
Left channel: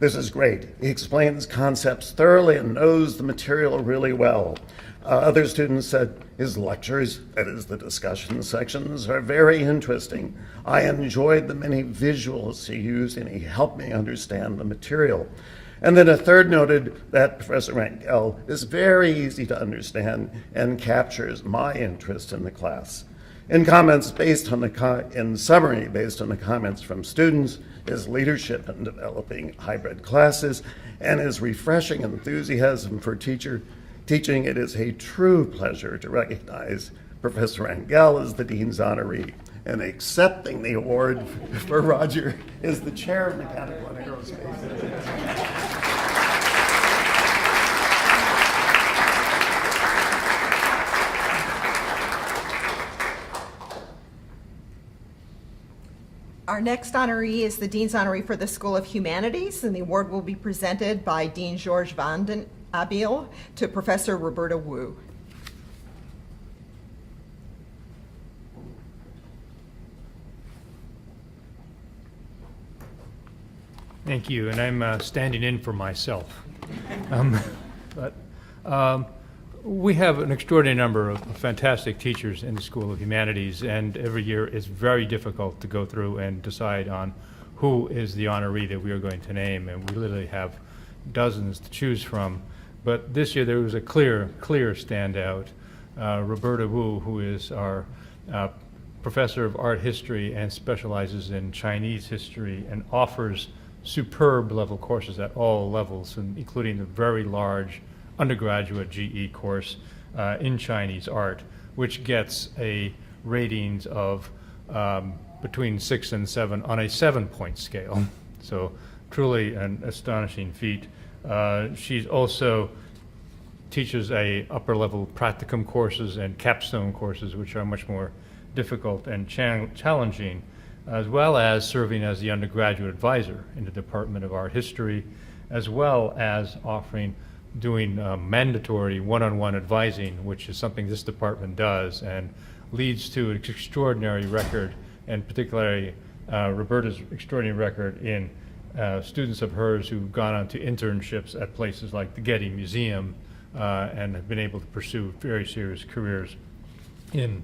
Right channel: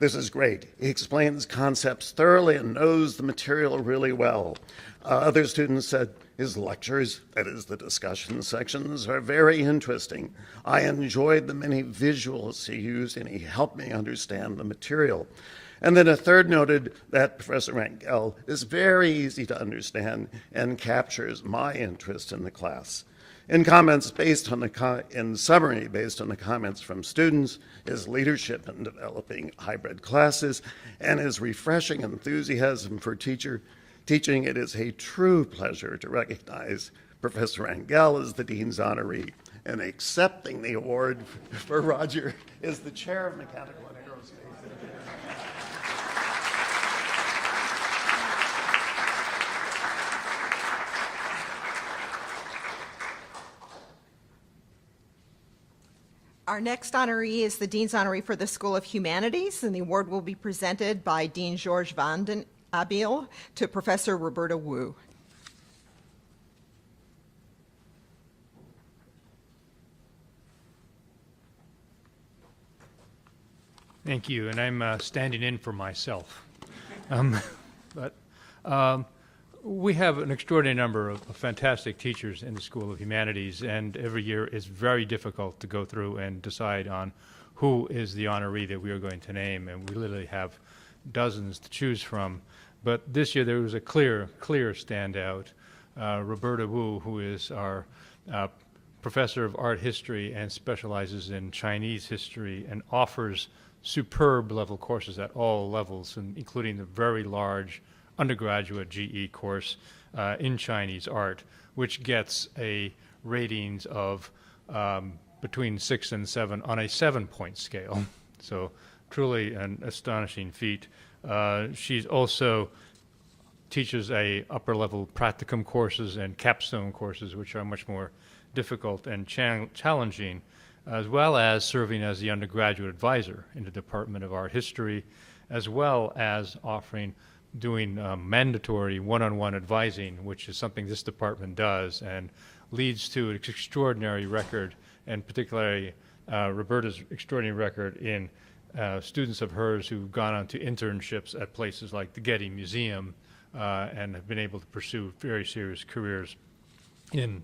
This is great. He explains concepts thoroughly and knows the material really well. Other students said his lectures, that is the discussion sections, are very interesting. I enjoyed the many visuals he used and he helped me understand the material. And then a third noted that Professor Rangel is very easy to understand and captures my interest in the class. In comments based on in summary, based on the comments from students, his leadership in developing hybrid classes, and his refreshing enthusiasm for teaching, it is a true pleasure to recognize Professor Rangel as the Dean's honoree. And accepting the award for Roger is the Chair of Mechanical and Aerospace. Our next honoree is the Dean's honoree for the School of Humanities, and the award will be presented by Dean George van den Abiel to Professor Roberta Wu. Thank you, and I'm standing in for myself. We have an extraordinary number of fantastic teachers in the School of Humanities, and every year it's very difficult to go through and decide on who is the honoree that we are going to name, and we literally have dozens to choose from. But this year there was a clear standout. Roberta Wu, who is our professor of art history and specializes in Chinese history and offers superb level courses at all levels, including the very large undergraduate GE course in Chinese art, which gets a ratings of between 6 and 7 on a 7-point scale. So truly an astonishing feat. She also teaches upper level practicum courses and capstone courses, which are much more difficult and challenging, as well as serving as the undergraduate advisor in the Department of Art History, as well as doing mandatory one-on-one advising, which is something this department does and leads to an extraordinary record, and particularly Roberta's extraordinary record in students of hers who've gone on to internships at places like the Getty Museum and have been able to pursue very serious careers in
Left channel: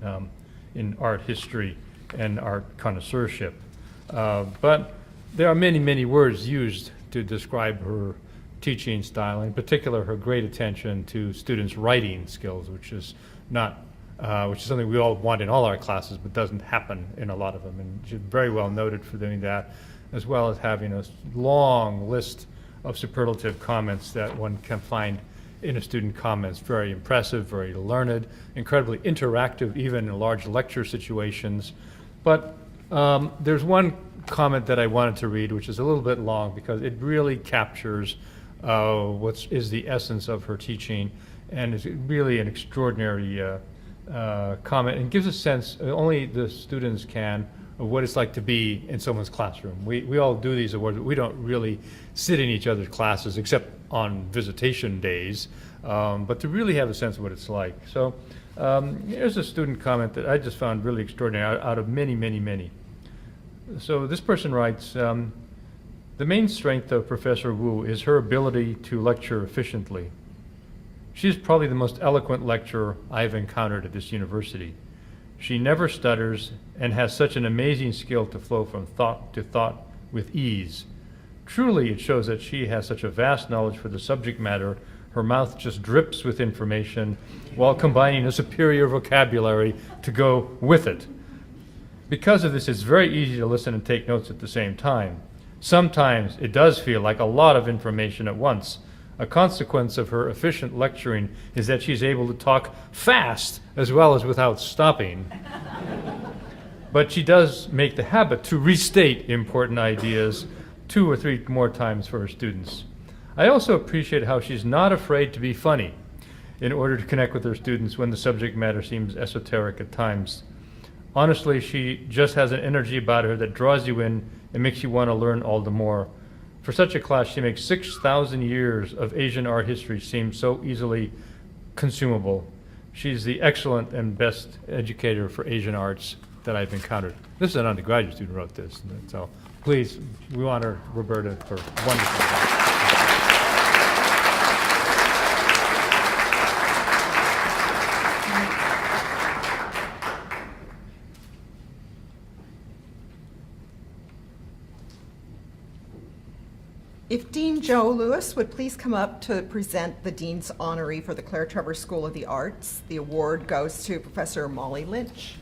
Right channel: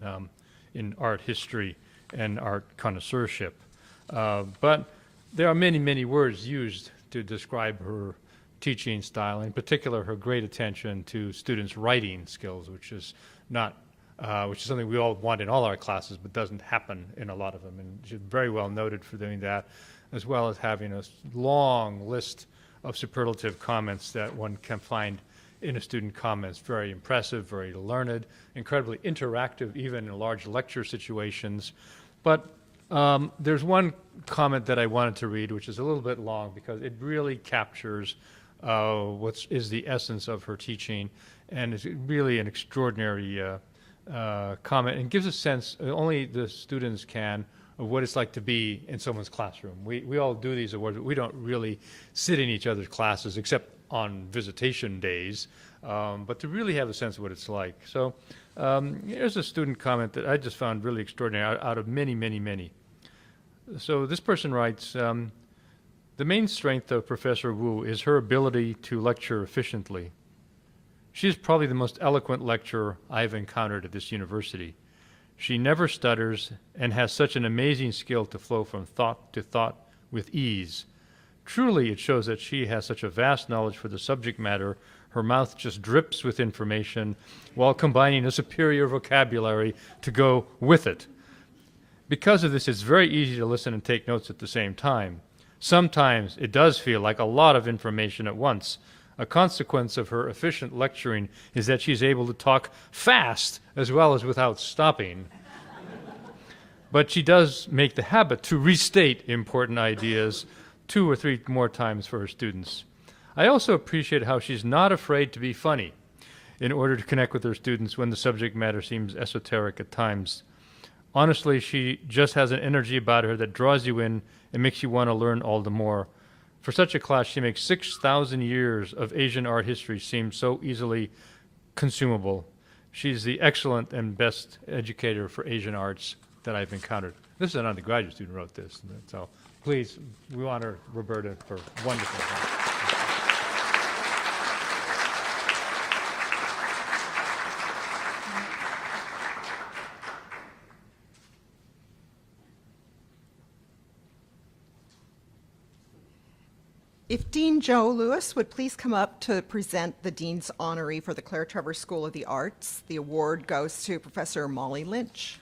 art history and art connoisseurship. But there are many, many words used to describe her teaching style, in particular her great attention to students' writing skills, which is something we all want in all our classes, but doesn't happen in a lot of them. And she's very well noted for doing that, as well as having a long list of superlative comments that one can find in a student comments. Very impressive, very learned, incredibly interactive, even in large lecture situations. But there's one comment that I wanted to read, which is a little bit long, because it really captures what is the essence of her teaching, and is really an extraordinary comment, and gives a sense, only the students can, of what it's like to be in someone's classroom. We all do these awards, but we don't really sit in each other's classes except on visitation days, but to really have a sense of what it's like. So here's a student comment that I just found really extraordinary out of many, many, many. So this person writes, the main strength of Professor Wu is her ability to lecture efficiently. She is probably the most eloquent lecturer I've encountered at this university. She never stutters and has such an amazing skill to flow from thought to thought with ease. Truly, it shows that she has such a vast knowledge for the subject matter. Her mouth just drips with information while combining a superior vocabulary to go with it. Because of this, it's very easy to listen and take notes at the same time. Sometimes it does feel like a lot of information at once. A consequence of her efficient lecturing is that she's able to talk fast as well as without stopping. But she does make the habit to restate important ideas 2 or 3 more times for her students. I also appreciate how she's not afraid to be funny in order to connect with her students when the subject matter seems esoteric at times. Honestly, she just has an energy about her that draws you in and makes you want to learn all the more. For such a class, she makes 6,000 years of Asian art history seem so easily consumable. She's the excellent and best educator for Asian arts that I've encountered. This is an undergraduate student who wrote this. So please, we honor Roberta for wonderful work. If Dean Joe Lewis would please come up to present the Dean's Honoree for the Claire Trevor School of the Arts. The award goes to Professor Molly Lynch.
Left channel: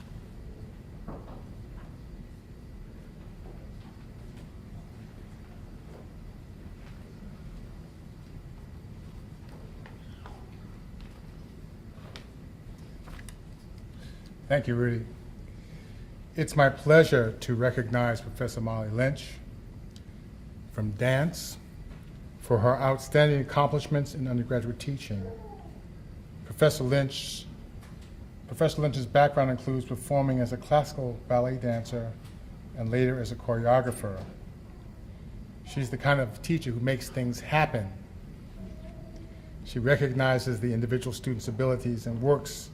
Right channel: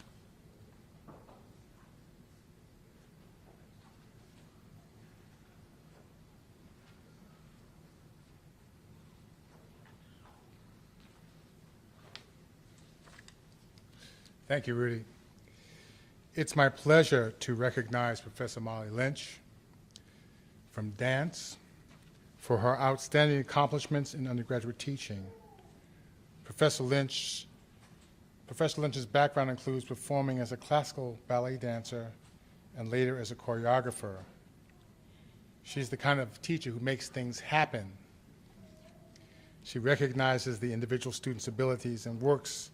Thank you, Rudy. It's my pleasure to recognize Professor Molly Lynch from dance for her outstanding accomplishments in undergraduate teaching. Professor Lynch's background includes performing as a classical ballet dancer and later as a choreographer. She's the kind of teacher who makes things happen. She recognizes the individual student's abilities and works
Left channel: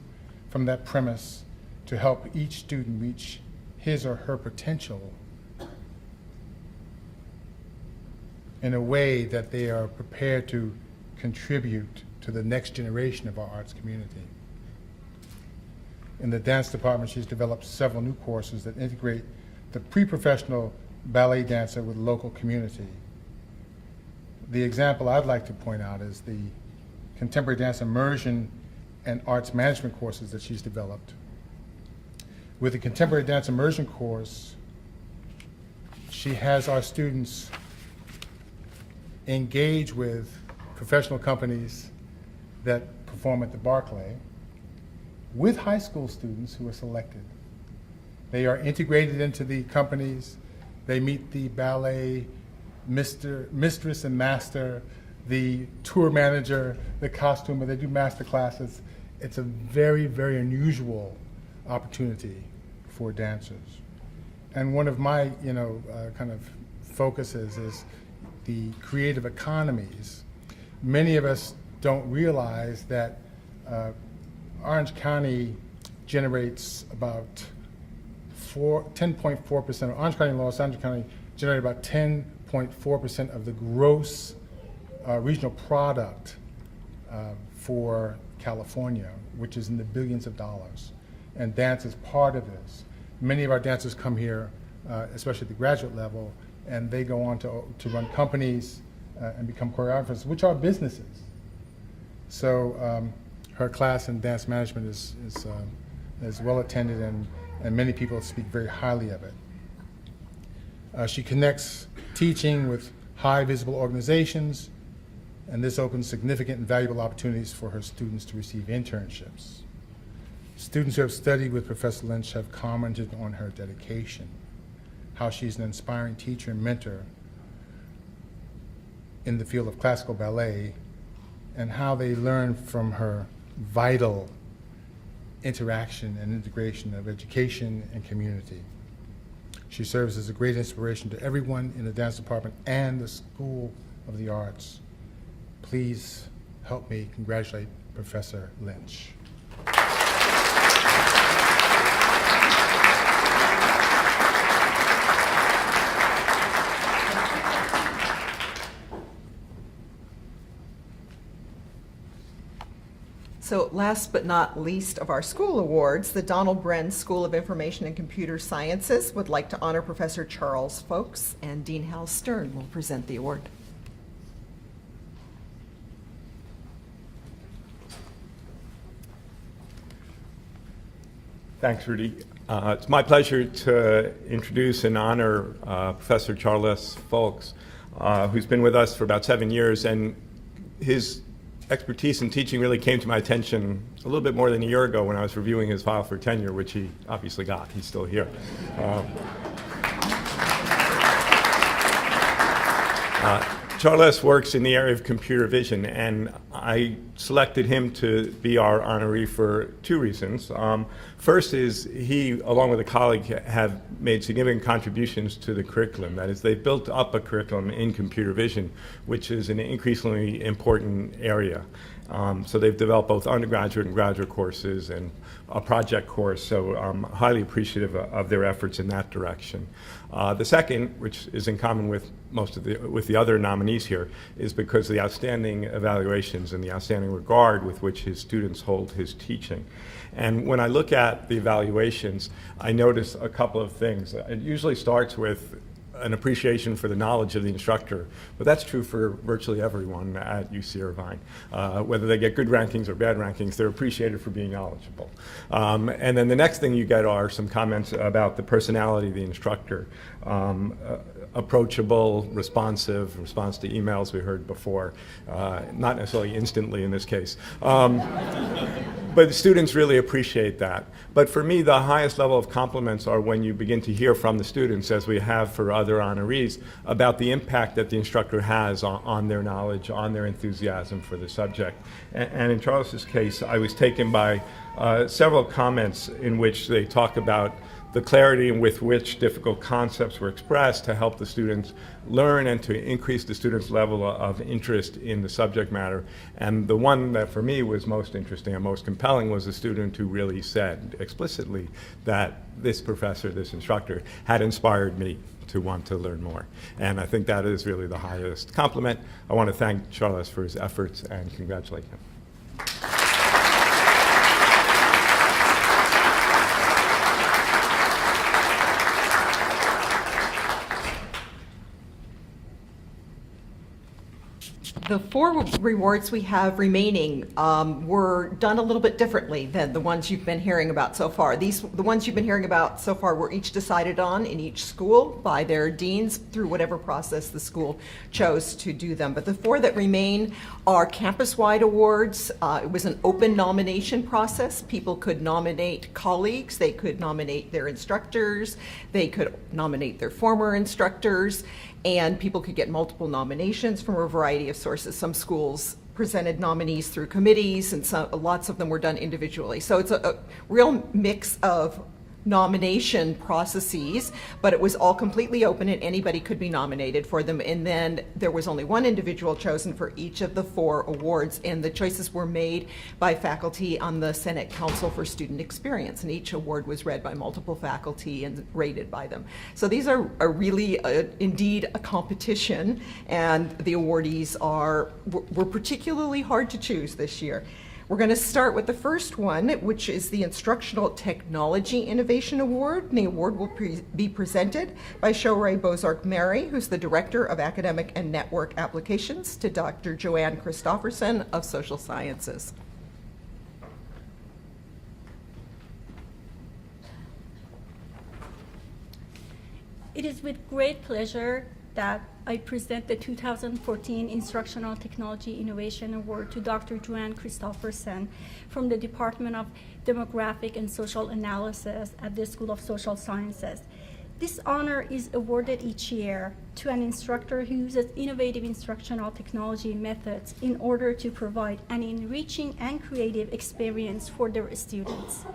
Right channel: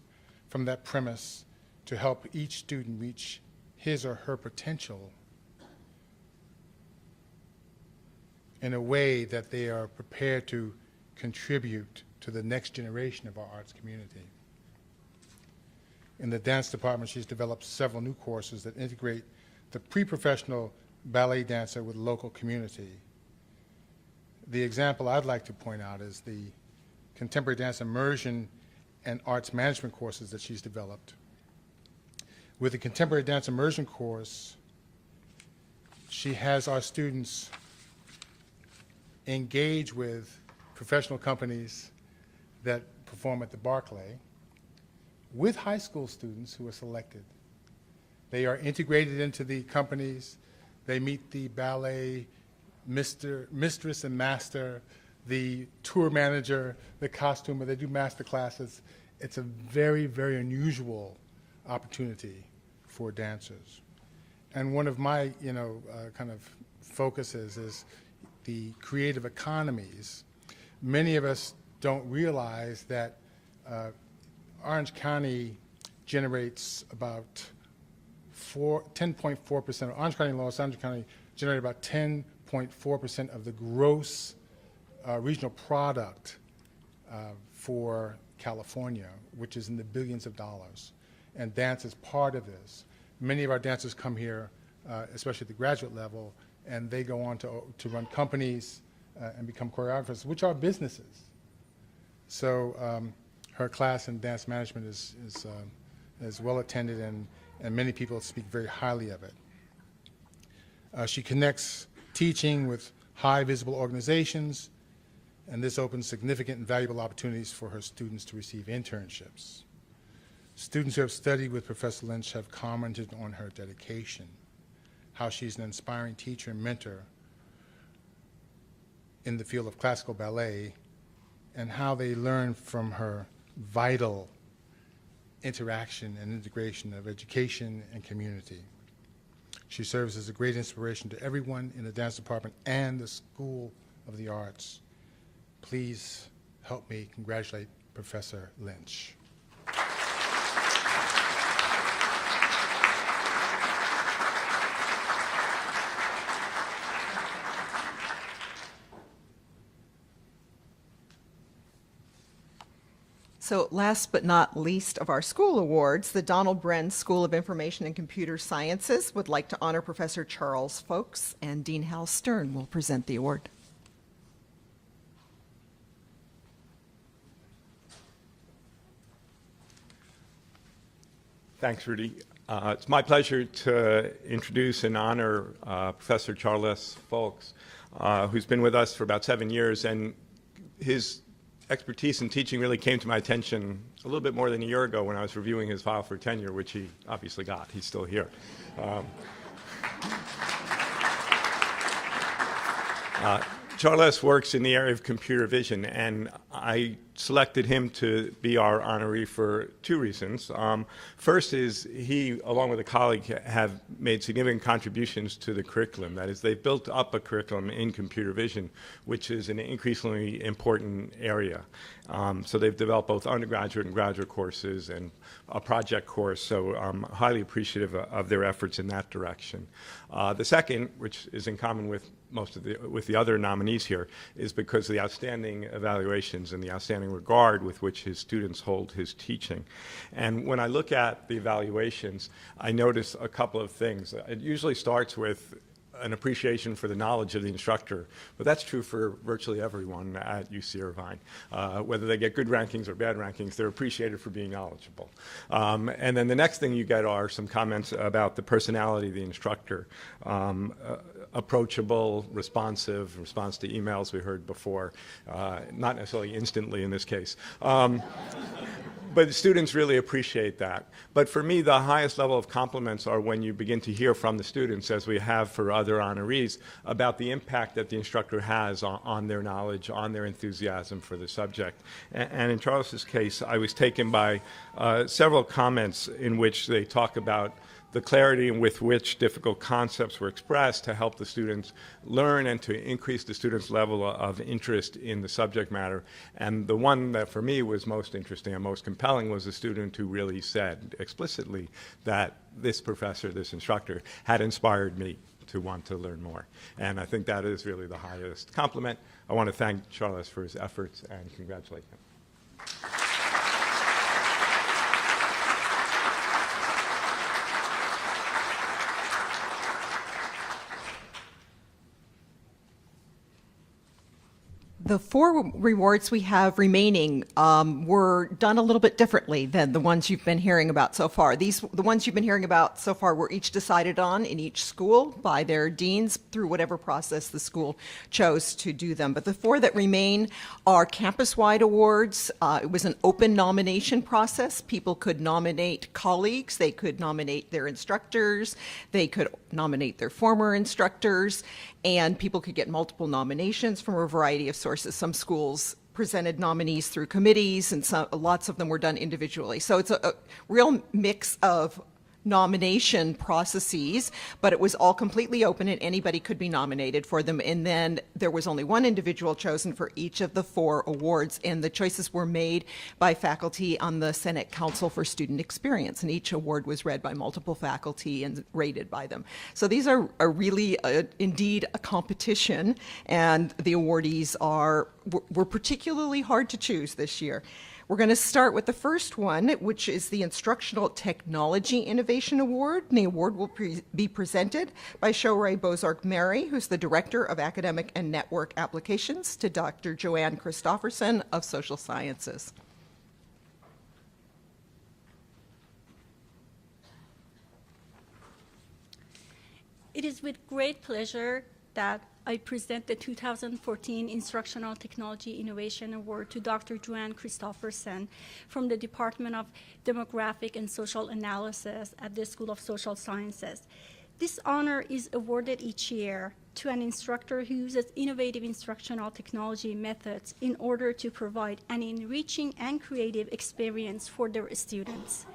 from that premise to help each student reach his or her potential in a way that they are prepared to contribute to the next generation of our arts community. In the dance department, she's developed several new courses that integrate the pre-professional ballet dancer with local community. The example I'd like to point out is the contemporary dance immersion and arts management courses that she's developed. With the contemporary dance immersion course, she has our students engage with professional companies that perform at the Barclay with high school students who are selected. They are integrated into the companies. They meet the ballet mistress and master, the tour manager, the costumer. They do master classes. It's a very, very unusual opportunity for dancers. And one of my, kind of focuses is the creative economies. Many of us don't realize that Orange County generates about 10.4%, Orange County and Los Angeles County generate about 10.4% of the gross regional product for California, which is in the billions of dollars. And dance is part of this. Many of our dancers come here, especially at the graduate level, and they go on to run companies and become choreographers, which are businesses. So her class in dance management is well attended, and many people speak very highly of it. She connects teaching with high visible organizations, and this opens significant and valuable opportunities for her students to receive internships. Students who have studied with Professor Lynch have commented on her dedication, how she's an inspiring teacher and mentor in the field of classical ballet, and how they learn from her vital interaction and integration of education and community. She serves as a great inspiration to everyone in the dance department and the School of the Arts. Please help me congratulate Professor Lynch. So last but not least of our school awards, the Donald Bren School of Information and Computer Sciences would like to honor Professor Charles Folks, and Dean Hal Stern will present the award. Thanks, Rudy. It's my pleasure to introduce and honor Professor Charles Folks, who's been with us for about 7 years, and his expertise in teaching really came to my attention a little bit more than a year ago when I was reviewing his file for tenure, which he obviously got. He's still here. Charles works in the area of computer vision, and I selected him to be our honoree for two reasons. First is he, along with a colleague, have made significant contributions to the curriculum. That is, they've built up a curriculum in computer vision, which is an increasingly important area. So they've developed both undergraduate and graduate courses and a project course, so I'm highly appreciative of their efforts in that direction. The second, which is in common with with the other nominees here, is because of the outstanding evaluations and the outstanding regard with which his students hold his teaching. And when I look at the evaluations, I notice a couple of things. It usually starts with an appreciation for the knowledge of the instructor, but that's true for virtually everyone at UC Irvine. Whether they get good rankings or bad rankings, they're appreciated for being knowledgeable. And then the next thing you get are some comments about the personality of the instructor. Approachable, responsive, response to emails we heard before, not necessarily instantly in this case. But the students really appreciate that. But for me, the highest level of compliments are when you begin to hear from the students, as we have for other honorees, about the impact that the instructor has on their knowledge, on their enthusiasm for the subject. And in Charles's case, I was taken by several comments in which they talk about the clarity with which difficult concepts were expressed to help the students learn and to increase the students' level of interest in the subject matter. And the one that for me was most interesting and most compelling was a student who really said explicitly that this professor, this instructor, had inspired me to want to learn more. And I think that is really the highest compliment. I want to thank Charles for his efforts and congratulate him. The four rewards we have remaining were done a little bit differently than the ones you've been hearing about so far. The ones you've been hearing about so far were each decided on in each school by their deans through whatever process the school chose to do them. But the four that remain are campus-wide awards. It was an open nomination process. People could nominate colleagues, they could nominate their instructors, they could nominate their former instructors, and people could get multiple nominations from a variety of sources. Some schools presented nominees through committees, and lots of them were done individually. So it's a real mix of nomination processes, but it was all completely open and anybody could be nominated for them. And then there was only one individual chosen for each of the 4 awards, and the choices were made by faculty on the Senate Council for Student Experience, and each award was read by multiple faculty and rated by them. So these are really indeed a competition, and the awardees were particularly hard to choose this year. We're going to start with the first one, which is the Instructional Technology Innovation Award. And the award will be presented by Shohreh Bozarg-Mary, who's the Director of Academic and Network Applications, to Dr. Joanne Christofferson of Social Sciences. It is with great pleasure that I present the 2014 Instructional Technology Innovation Award to Dr. Joanne Christofferson from the Department of Demographic and Social Analysis at the School of Social Sciences. This honor is awarded each year to an instructor who uses innovative instructional technology methods in order to provide an enriching and creative experience for their students.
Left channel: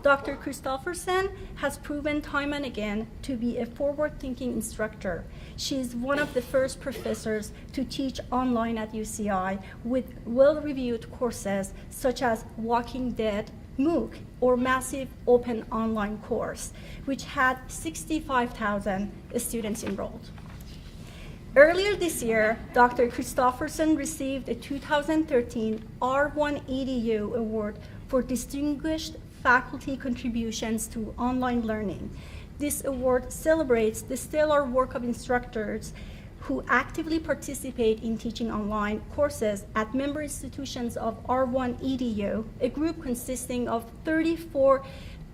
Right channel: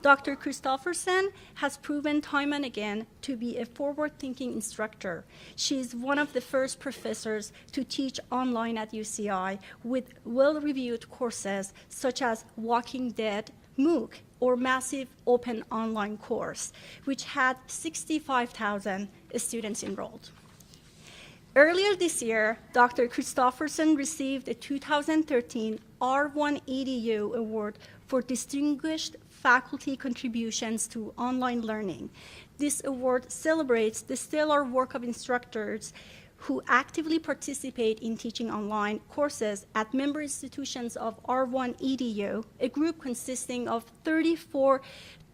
Dr. Christofferson has proven time and again to be a forward-thinking instructor. She is one of the first professors to teach online at UCI with well-reviewed courses such as Walking Dead, MOOC, or Massive Open Online Course, which had 65,000 students enrolled. Earlier this year, Dr. Christofferson received a 2013 R1EDU Award for Distinguished Faculty Contributions to Online Learning. This award celebrates the stellar work of instructors who actively participate in teaching online courses at member institutions of R1EDU, a group consisting of 34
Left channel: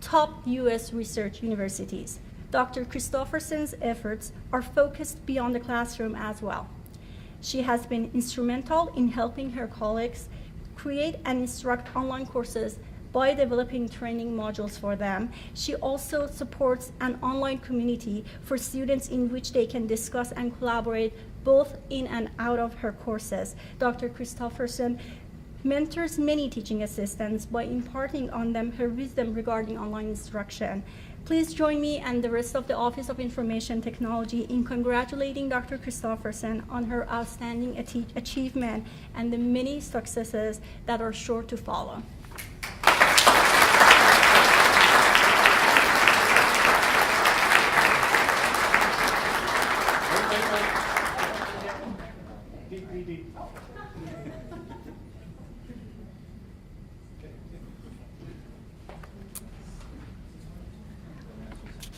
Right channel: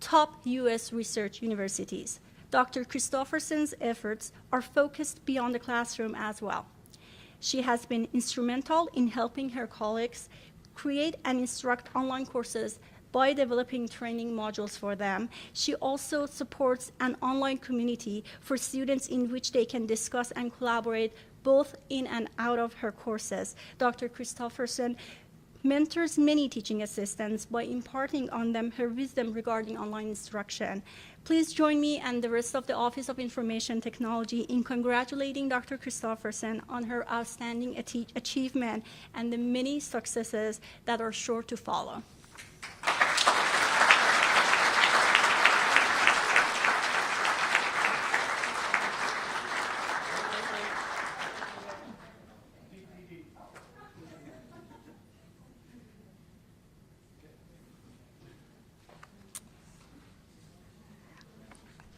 top U.S. research universities. Dr. Christofferson's efforts are focused beyond the classroom as well. She has been instrumental in helping her colleagues create and instruct online courses by developing training modules for them. She also supports an online community for students in which they can discuss and collaborate both in and out of her courses. Dr. Christofferson mentors many teaching assistants by imparting on them her wisdom regarding online instruction. Please join me and the rest of the Office of Information Technology in congratulating Dr. Christofferson on her outstanding achievement and the many successes that are sure to follow.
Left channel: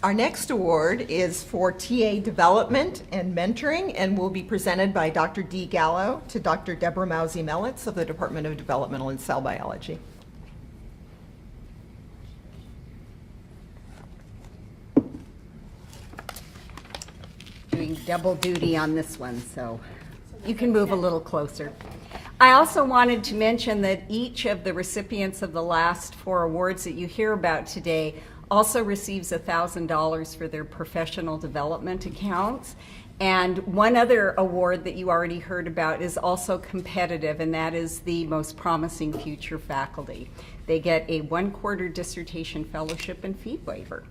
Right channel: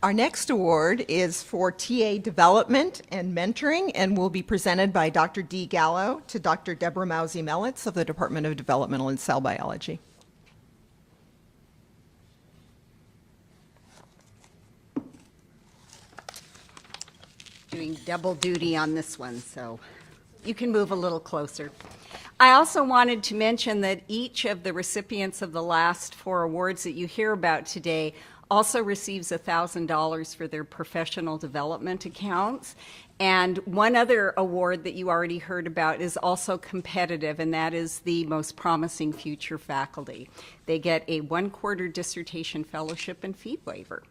Our next award is for TA Development and Mentoring and will be presented by Dr. Dee Gallo to Dr. Deborah Mauzy-Melitz of the Department of Developmental and Cell Biology. Doing double duty on this one, so you can move a little closer. I also wanted to mention that each of the recipients of the last 4 awards that you hear about today also receives $1,000 for their professional development accounts. And one other award that you already heard about is also competitive, and that is the Most Promising Future Faculty. They get a 1/4 dissertation fellowship and fee waiver.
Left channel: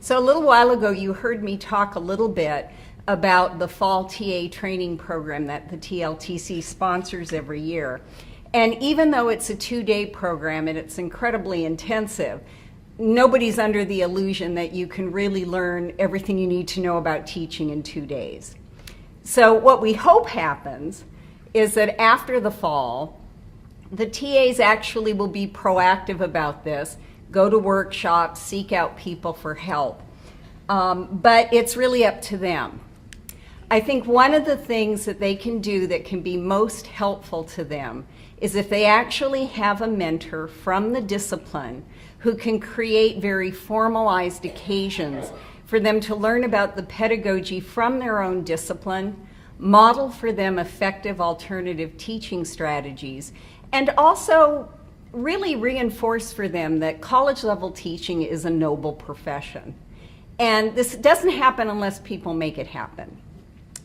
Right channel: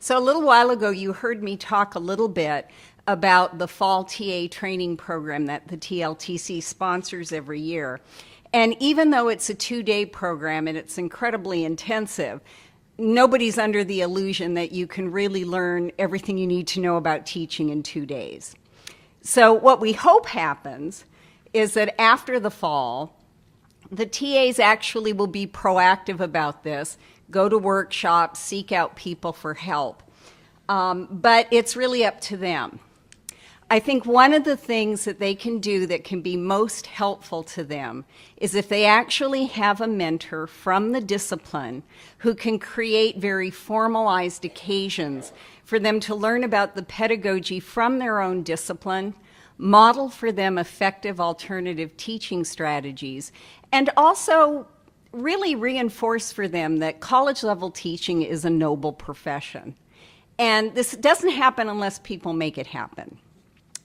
So a little while ago, you heard me talk a little bit about the fall TA training program that the TLTC sponsors every year. And even though it's a 2-day program and it's incredibly intensive, nobody's under the illusion that you can really learn everything you need to know about teaching in 2 days. So what we hope happens is that after the fall, the TAs actually will be proactive about this, go to workshops, seek out people for help. But it's really up to them. I think one of the things that they can do that can be most helpful to them is if they actually have a mentor from the discipline who can create very formalized occasions for them to learn about the pedagogy from their own discipline, model for them effective alternative teaching strategies, and also really reinforce for them that college-level teaching is a noble profession. And this doesn't happen unless people make it happen.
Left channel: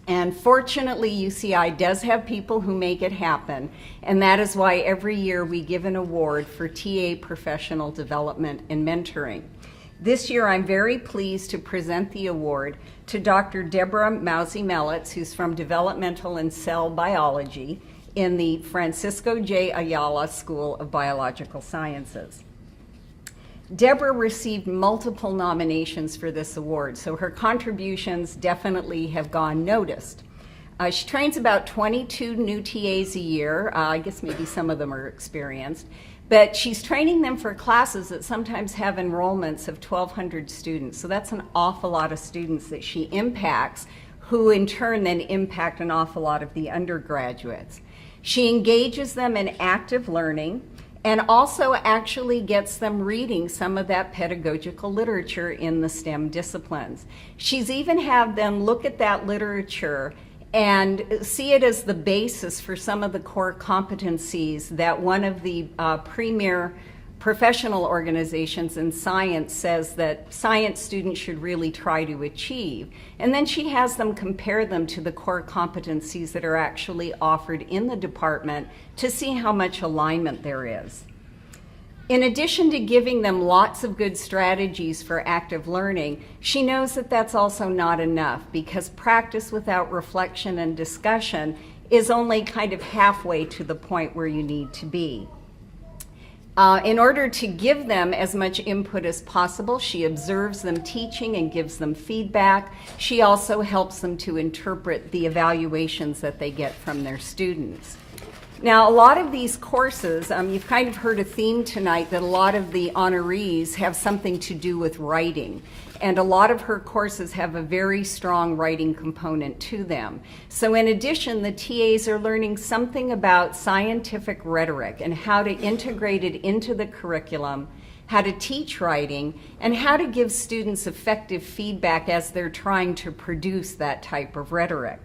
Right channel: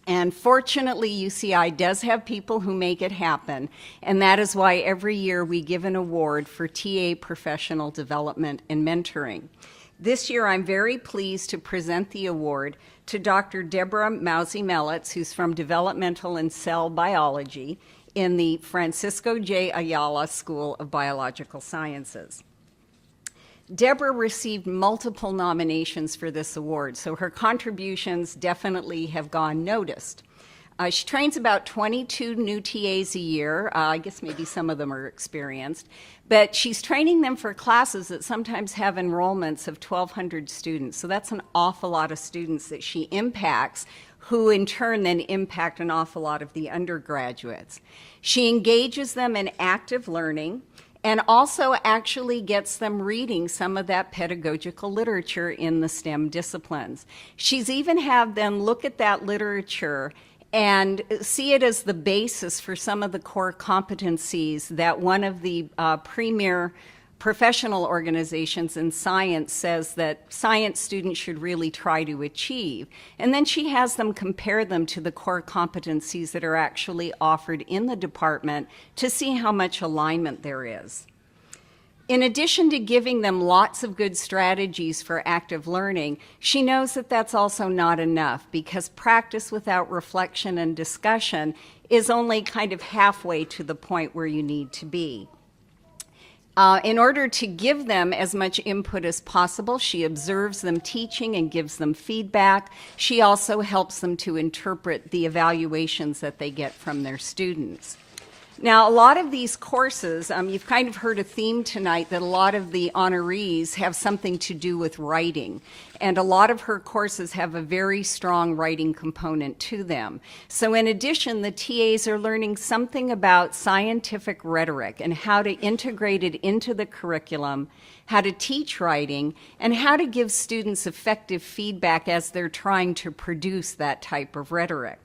And fortunately, UCI does have people who make it happen, and that is why every year we give an award for TA professional development and mentoring. This year, I'm very pleased to present the award to Dr. Deborah Mauzy-Melitz, who's from Developmental and Cell Biology in the Francisco J. Ayala School of Biological Sciences. Deborah received multiple nominations for this award, so her contributions definitely have gone noticed. She trains about 22 new TAs a year. I guess maybe some of them are experienced. But she's training them for classes that sometimes have enrollments of 1,200 students. So that's an awful lot of students that she impacts, who in turn then impact an awful lot of the undergraduates. She engages them in active learning and also actually gets them reading some of that pedagogical literature in the STEM disciplines. She's even had them look at that literature and see it as the basis for some of the core competencies that one of the premier professional organizations in science says that science students should really try to achieve. And then she has them compare them to the core competencies that are actually offered in the department to see how much alignment there is. In addition to giving them lots of good strategies for active learning, she knows that that's also not enough, because practice without reflection and discussion is only kind of halfway to the point where you need to be. In order to give them as much input as possible, she observes them teaching and gives them feedback. She also helps them to interpret the evaluations that they get from their students. Now, a lot of these courses, you've kind of heard a theme tonight that a lot of the honorees have something to do with writing. And a lot of her courses have a very strong writing component to them. So in addition, the TAs are learning something about scientific rhetoric and how to integrate it into the curriculum, how to teach writing, and how to give students effective feedback as they're trying to produce that type of rhetoric.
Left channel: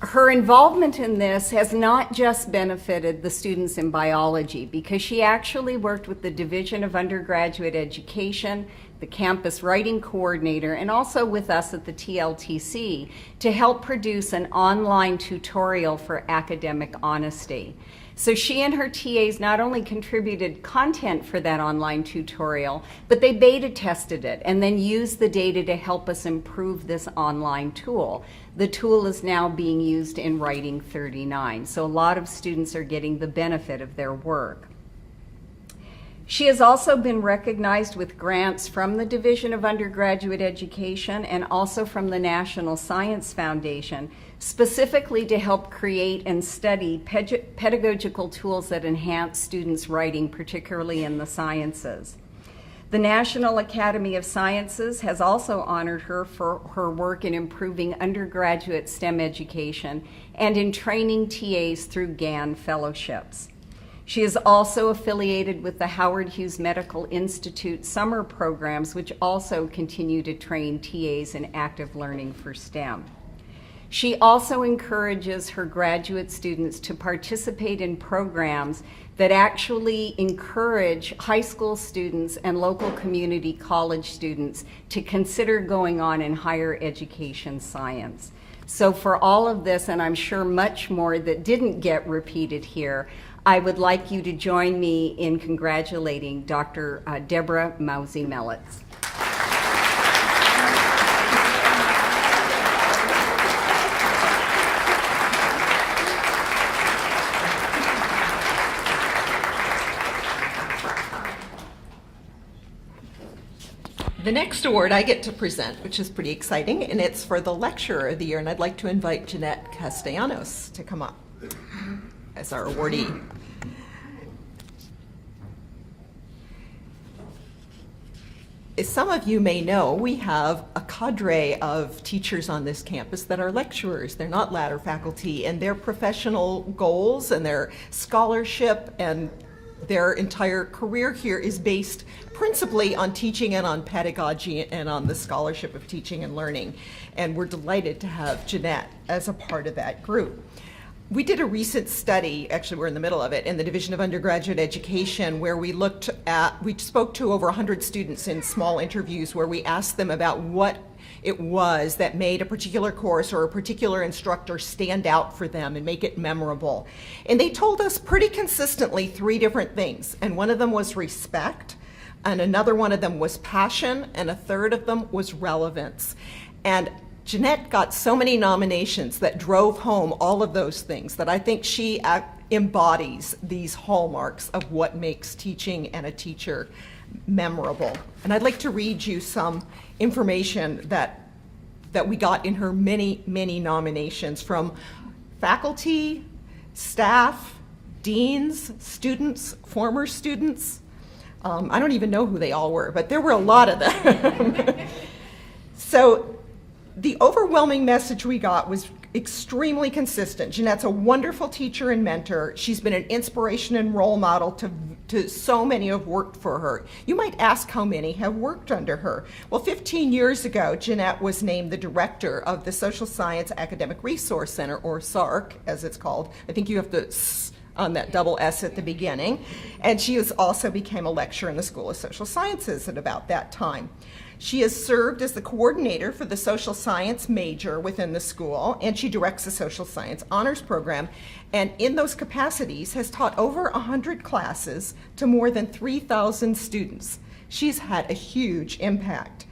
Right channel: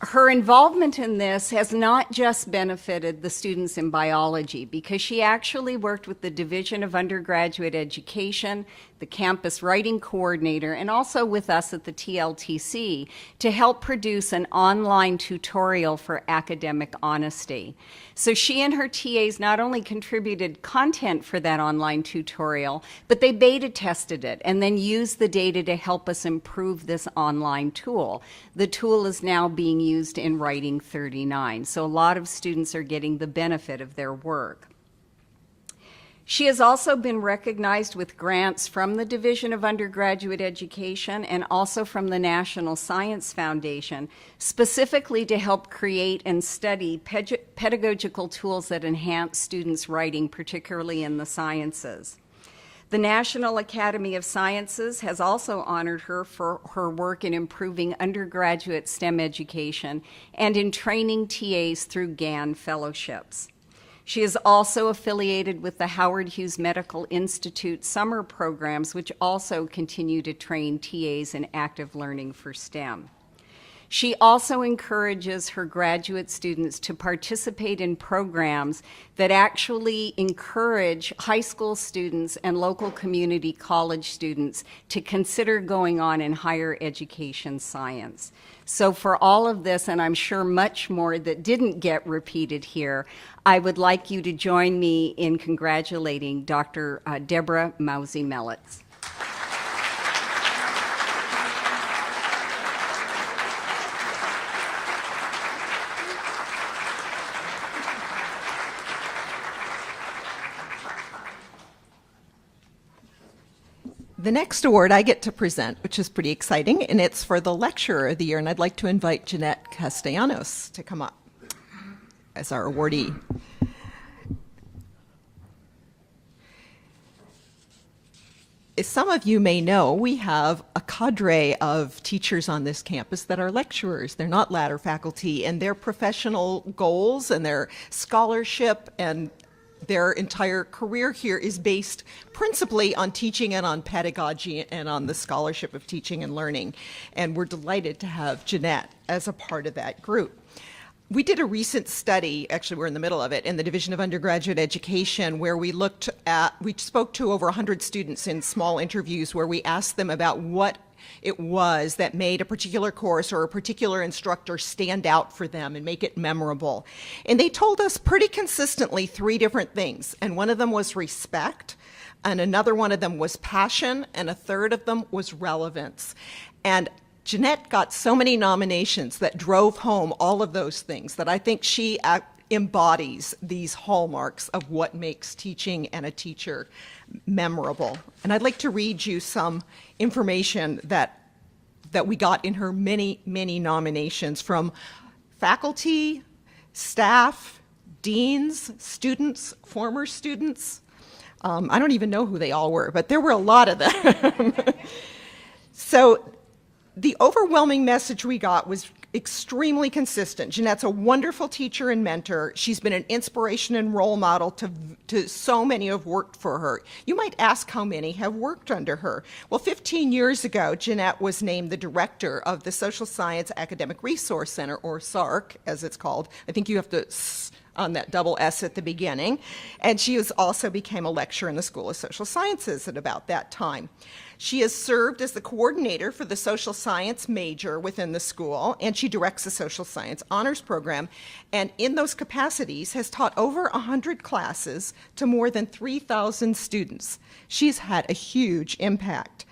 Her involvement in this has not just benefited the students in biology, because she actually worked with the Division of Undergraduate Education, the campus writing coordinator, and also with us at the TLTC to help produce an online tutorial for academic honesty. So she and her TAs not only contributed content for that online tutorial, but they beta tested it and then used the data to help us improve this online tool. The tool is now being used in Writing 39, so a lot of students are getting the benefit of their work. She has also been recognized with grants from the Division of Undergraduate Education and also from the National Science Foundation, specifically to help create and study pedagogical tools that enhance students' writing, particularly in the sciences. The National Academy of Sciences has also honored her for her work in improving undergraduate STEM education and in training TAs through GAN fellowships. She is also affiliated with the Howard Hughes Medical Institute summer programs, which also continue to train TAs in active learning for STEM. She also encourages her graduate students to participate in programs that actually encourage high school students and local community college students to consider going on in higher education science. So for all of this, and I'm sure much more that didn't get repeated here, I would like you to join me in congratulating Dr. Deborah Mauzy-Melitz. The next award I get to present, which is pretty exciting, and it's for the Lecturer of the Year, and I'd like to invite Jeanette Castellanos to come up as our awardee. As some of you may know, we have a cadre of teachers on this campus that are lecturers. They're not ladder faculty, and their professional goals and their scholarship and their entire career here is based principally on teaching and on pedagogy and on the scholarship of teaching and learning. And we're delighted to have Jeanette as a part of that group. We did a recent study, actually we're in the middle of it, in the Division of Undergraduate Education, where we spoke to over 100 students in small interviews where we asked them about what it was that made a particular course or a particular instructor stand out for them and make it memorable. And they told us pretty consistently 3 different things, and one of them was respect. and another one of them was passion, and a third of them was relevance. And Jeanette got so many nominations that drove home all of those things that I think she embodies these hallmarks of what makes teaching and a teacher memorable. And I'd like to read you some information that we got in her many, many nominations from faculty, staff, deans, students, former students. I don't even know who they all were, but there were a lot of them. So the overwhelming message we got was extremely consistent. Jeanette's a wonderful teacher and mentor. She's been an inspiration and role model to so many who have worked for her. You might ask how many have worked under her. Well, 15 years ago, Jeanette was named the director of the Social Science Academic Resource Center, or SARC, as it's called. I think you have to on that double S at the beginning. And she also became a lecturer in the School of Social Sciences at about that time. She has served as the coordinator for the social science major within the school, and she directs the social science honors program, and in those capacities has taught over 100 classes to more than 3,000 students. She's had a huge impact.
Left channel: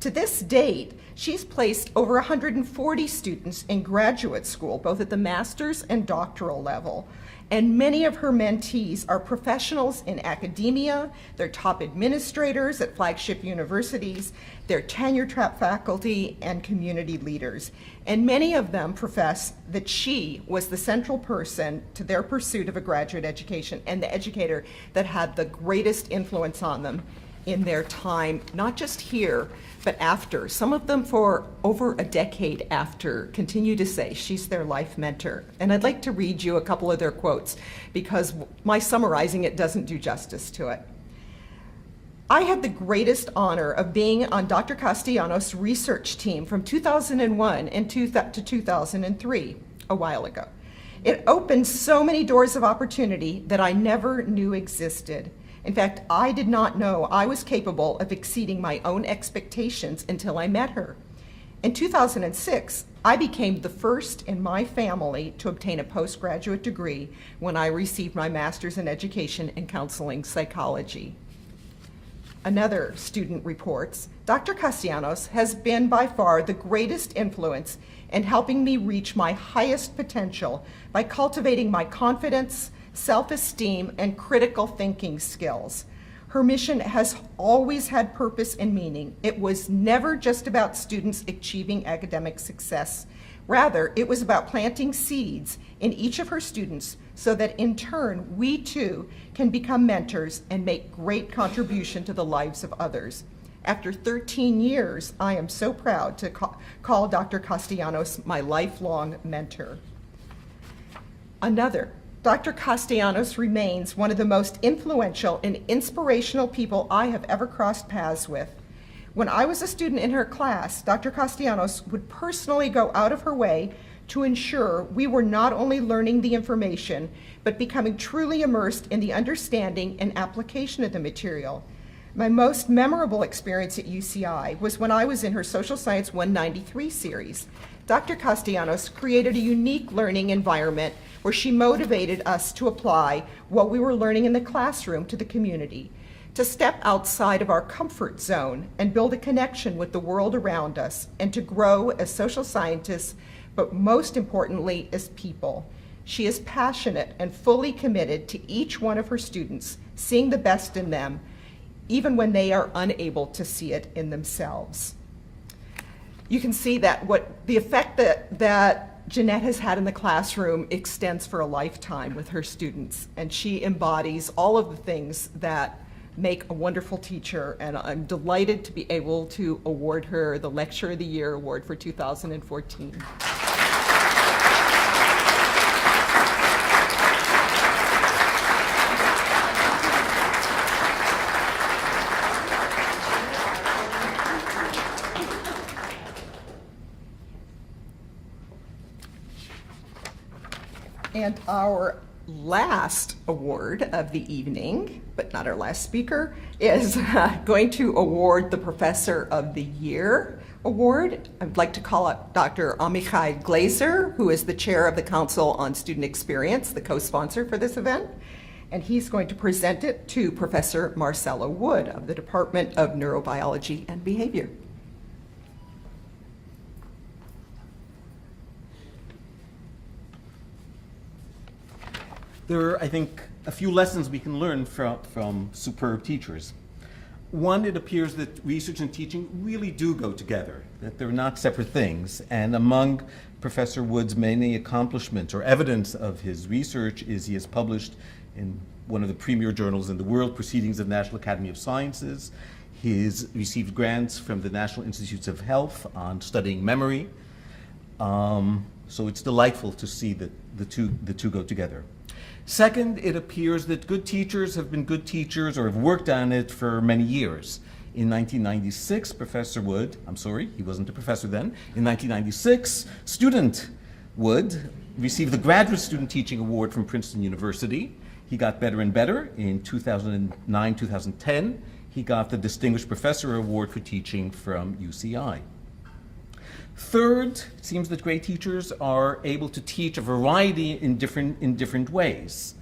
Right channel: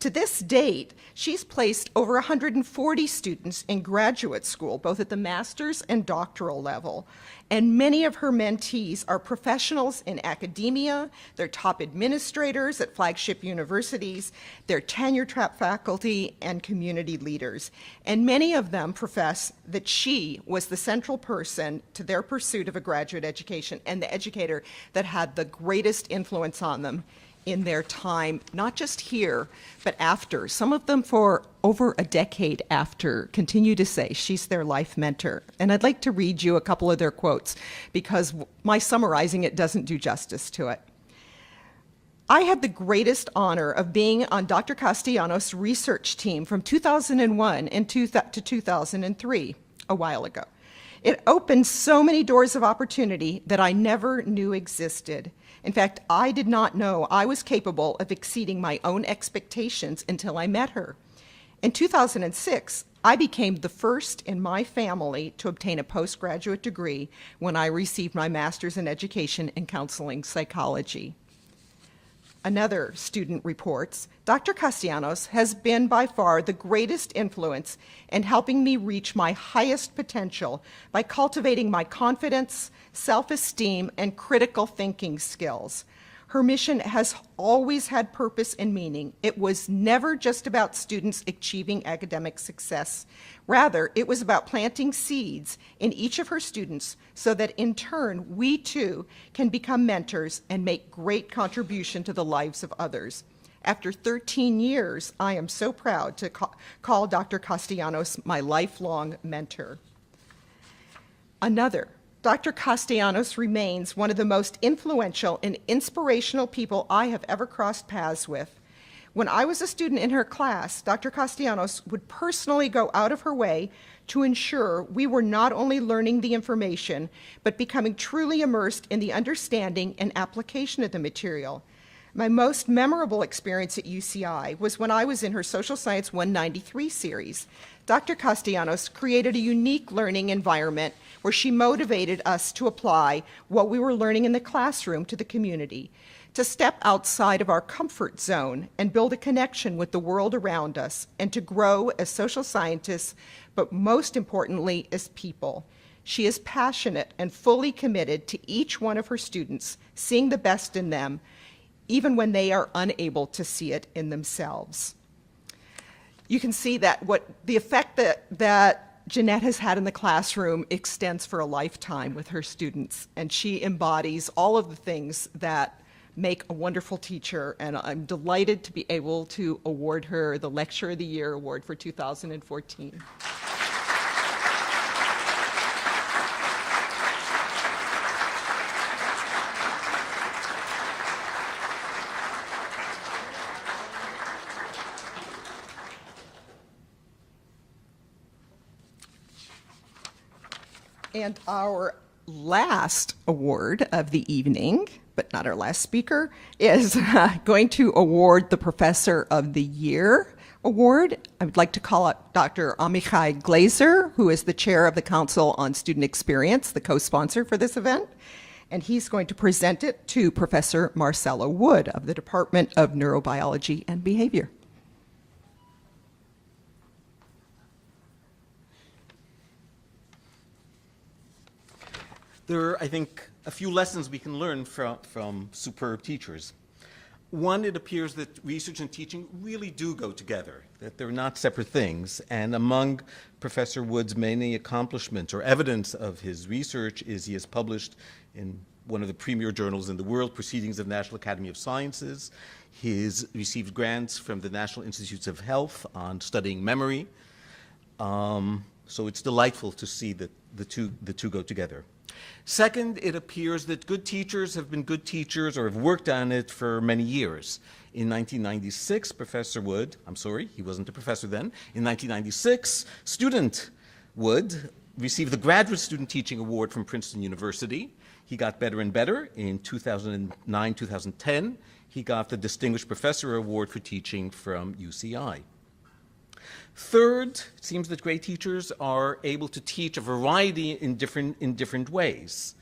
To this date, she's placed over 140 students in graduate school, both at the master's and doctoral level. And many of her mentees are professionals in academia, they're top administrators at flagship universities, they're tenure-track faculty and community leaders. And many of them profess that she was the central person to their pursuit of a graduate education and the educator that had the greatest influence on them in their time, not just here, but after. Some of them for over a decade after continue to say she's their life mentor. And I'd like to read you a couple of their quotes because my summarizing it doesn't do justice to it. I had the greatest honor of being on Dr. Castellanos' research team from 2001 to 2003, a while ago. It opened so many doors of opportunity that I never knew existed. In fact, I did not know I was capable of exceeding my own expectations until I met her. In 2006, I became the first in my family to obtain a postgraduate degree when I received my master's in education and counseling psychology. Another student reports, Dr. Castellanos has been by far the greatest influence in helping me reach my highest potential by cultivating my confidence, self-esteem, and critical thinking skills. Her mission has always had purpose and meaning. It was never just about students achieving academic success. Rather, it was about planting seeds in each of her students so that in turn, we too can become mentors and make great contribution to the lives of others. After 13 years, I am so proud to call Dr. Castellanos my lifelong mentor. Another, Dr. Castellanos remains one of the most influential and inspirational people I have ever crossed paths with. When I was a student in her class, Dr. Castellanos would personally go out of her way to ensure we were not only learning the information, but becoming truly immersed in the understanding and application of the material. My most memorable experience at UCI was when I was in her Social Science 193 series. Dr. Castellanos created a unique learning environment where she motivated us to apply what we were learning in the classroom to the community, to step outside of our comfort zone and build a connection with the world around us, and to grow as social scientists, but most importantly, as people. She is passionate and fully committed to each one of her students, seeing the best in them, even when they are unable to see it in themselves. You can see that the effect that Jeanette has had in the classroom extends for a lifetime with her students, and she embodies all of the things that make a wonderful teacher, and I'm delighted to be able to award her the Lecturer of the Year Award for 2014. And our last award of the evening, but not our last speaker, is going to award the Professor of the Year Award. I'd like to call up Dr. Amichai Glazer, who is the chair of the Council on Student Experience, the co-sponsor for this event. and he's going to present it to Professor Marcelo Wood of the Department of Neurobiology and Behavior. There are, I think, a few lessons we can learn from superb teachers. One, it appears that research and teaching really do go together, that they're not separate things. And among Professor Wood's many accomplishments or evidence of his research is he has published in one of the premier journals in the world, Proceedings of the National Academy of Sciences. He's received grants from the National Institutes of Health on studying memory. So it's delightful to see that the two go together. Second, it appears that good teachers have been good teachers or have worked on it for many years. In 1996, Professor Wood, I'm sorry, he wasn't a professor then, in 1996, student Wood received the Graduate Student Teaching Award from Princeton University. He got better and better. In 2009, 2010, he got the Distinguished Professor Award for Teaching from UCI. Third, it seems that great teachers are able to teach a variety in different ways.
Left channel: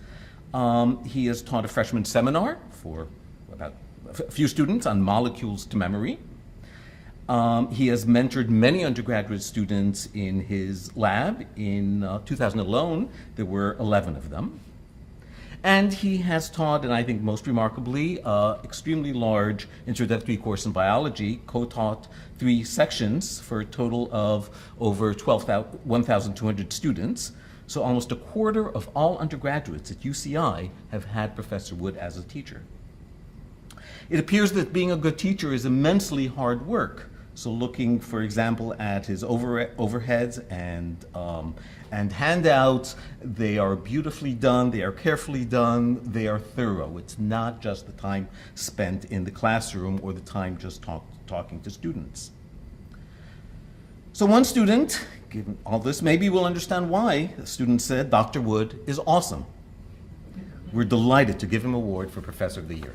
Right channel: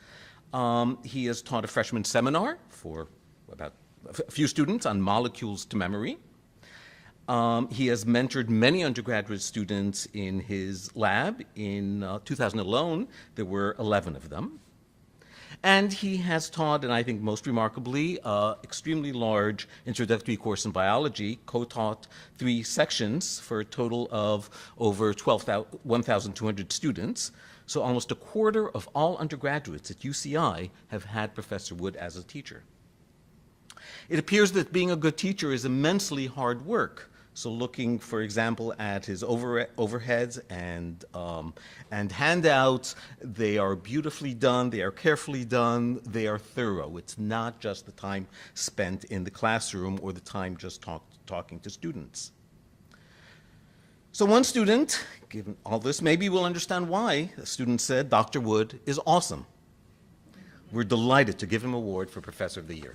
He has taught a freshman seminar for about a few students on molecules to memory. He has mentored many undergraduate students in his lab. In 2000 alone, there were 11 of them. And he has taught, and I think most remarkably, extremely large introductory course in biology, co-taught 3 sections for a total of over 1,200 students. So almost a quarter of all undergraduates at UCI have had Professor Wood as a teacher. It appears that being a good teacher is immensely hard work. So looking, for example, at his overheads and handouts, they are beautifully done, they are carefully done, they are thorough. It's not just the time spent in the classroom or the time just talking to students. So one student, given all this, maybe will understand why the student said Dr. Wood is awesome. We're delighted to give him an award for Professor of the Year.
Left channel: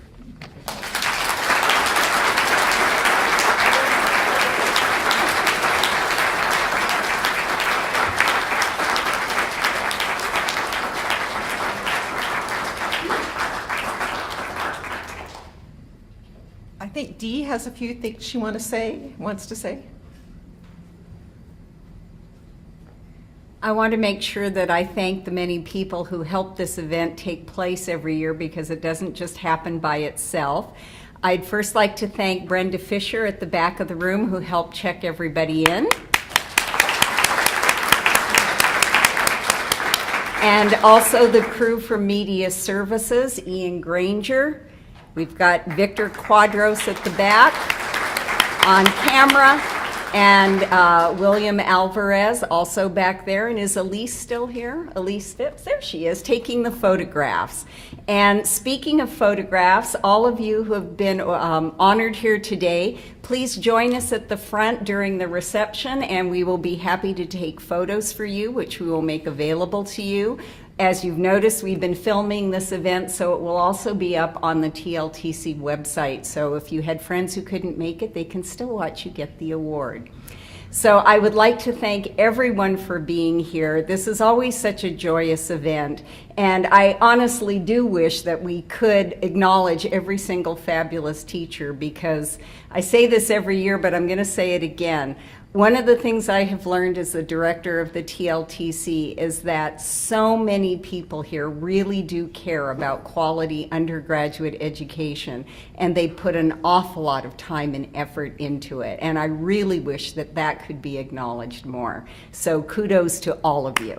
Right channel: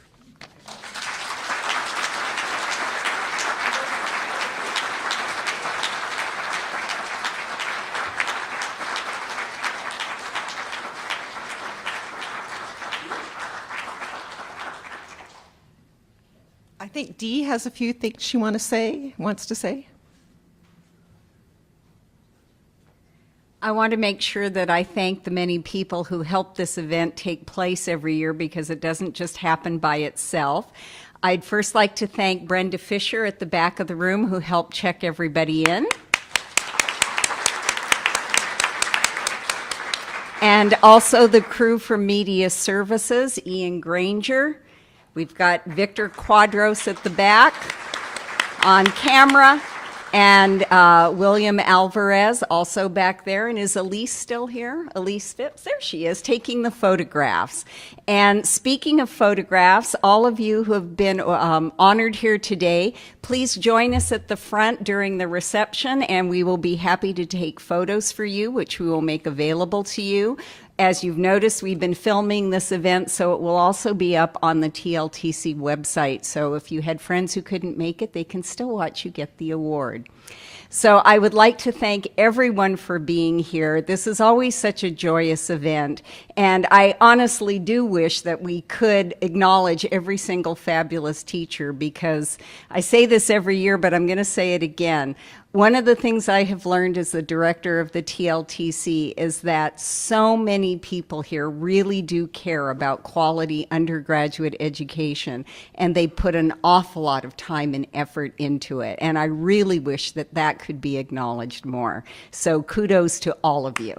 I think Dee has a few things she wants to say. I want to make sure that I thank the many people who help this event take place every year, because it doesn't just happen by itself. I'd first like to thank Brenda Fisher at the back of the room, who helped check everybody in. And also the crew from Media Services, Ian Granger. We've got Victor Quadros at the back on camera, and William Alvarez also back there. And is Elise still here? Elise Phipps, there she is, taking the photographs. And speaking of photographs, all of you who have been honored here today, please join us at the front during the reception, and we will be happy to take photos for you, which we will make available to you. As you've noticed, we've been filming this event, so it will also be up on the TLTC website. So if you had friends who couldn't make it, they can still watch you get the award. So I would like to thank everyone for being here. This is always such a joyous event, and I honestly do wish that we could acknowledge every single fabulous teacher, because I say this every year, but I'm going to say it again. One of the things I have learned as the director of the TLTC is that so many people here really do care about quality undergraduate education, and they put an awful lot of time and effort into it. And I really wish that that could be acknowledged more. So kudos to all of you.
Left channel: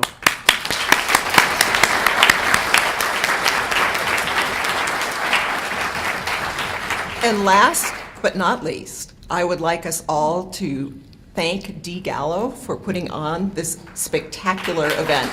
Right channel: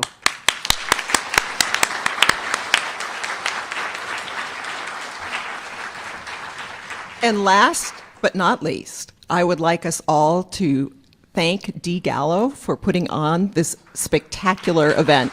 And last but not least, I would like us all to thank Dee Gallo for putting on this spectacular event.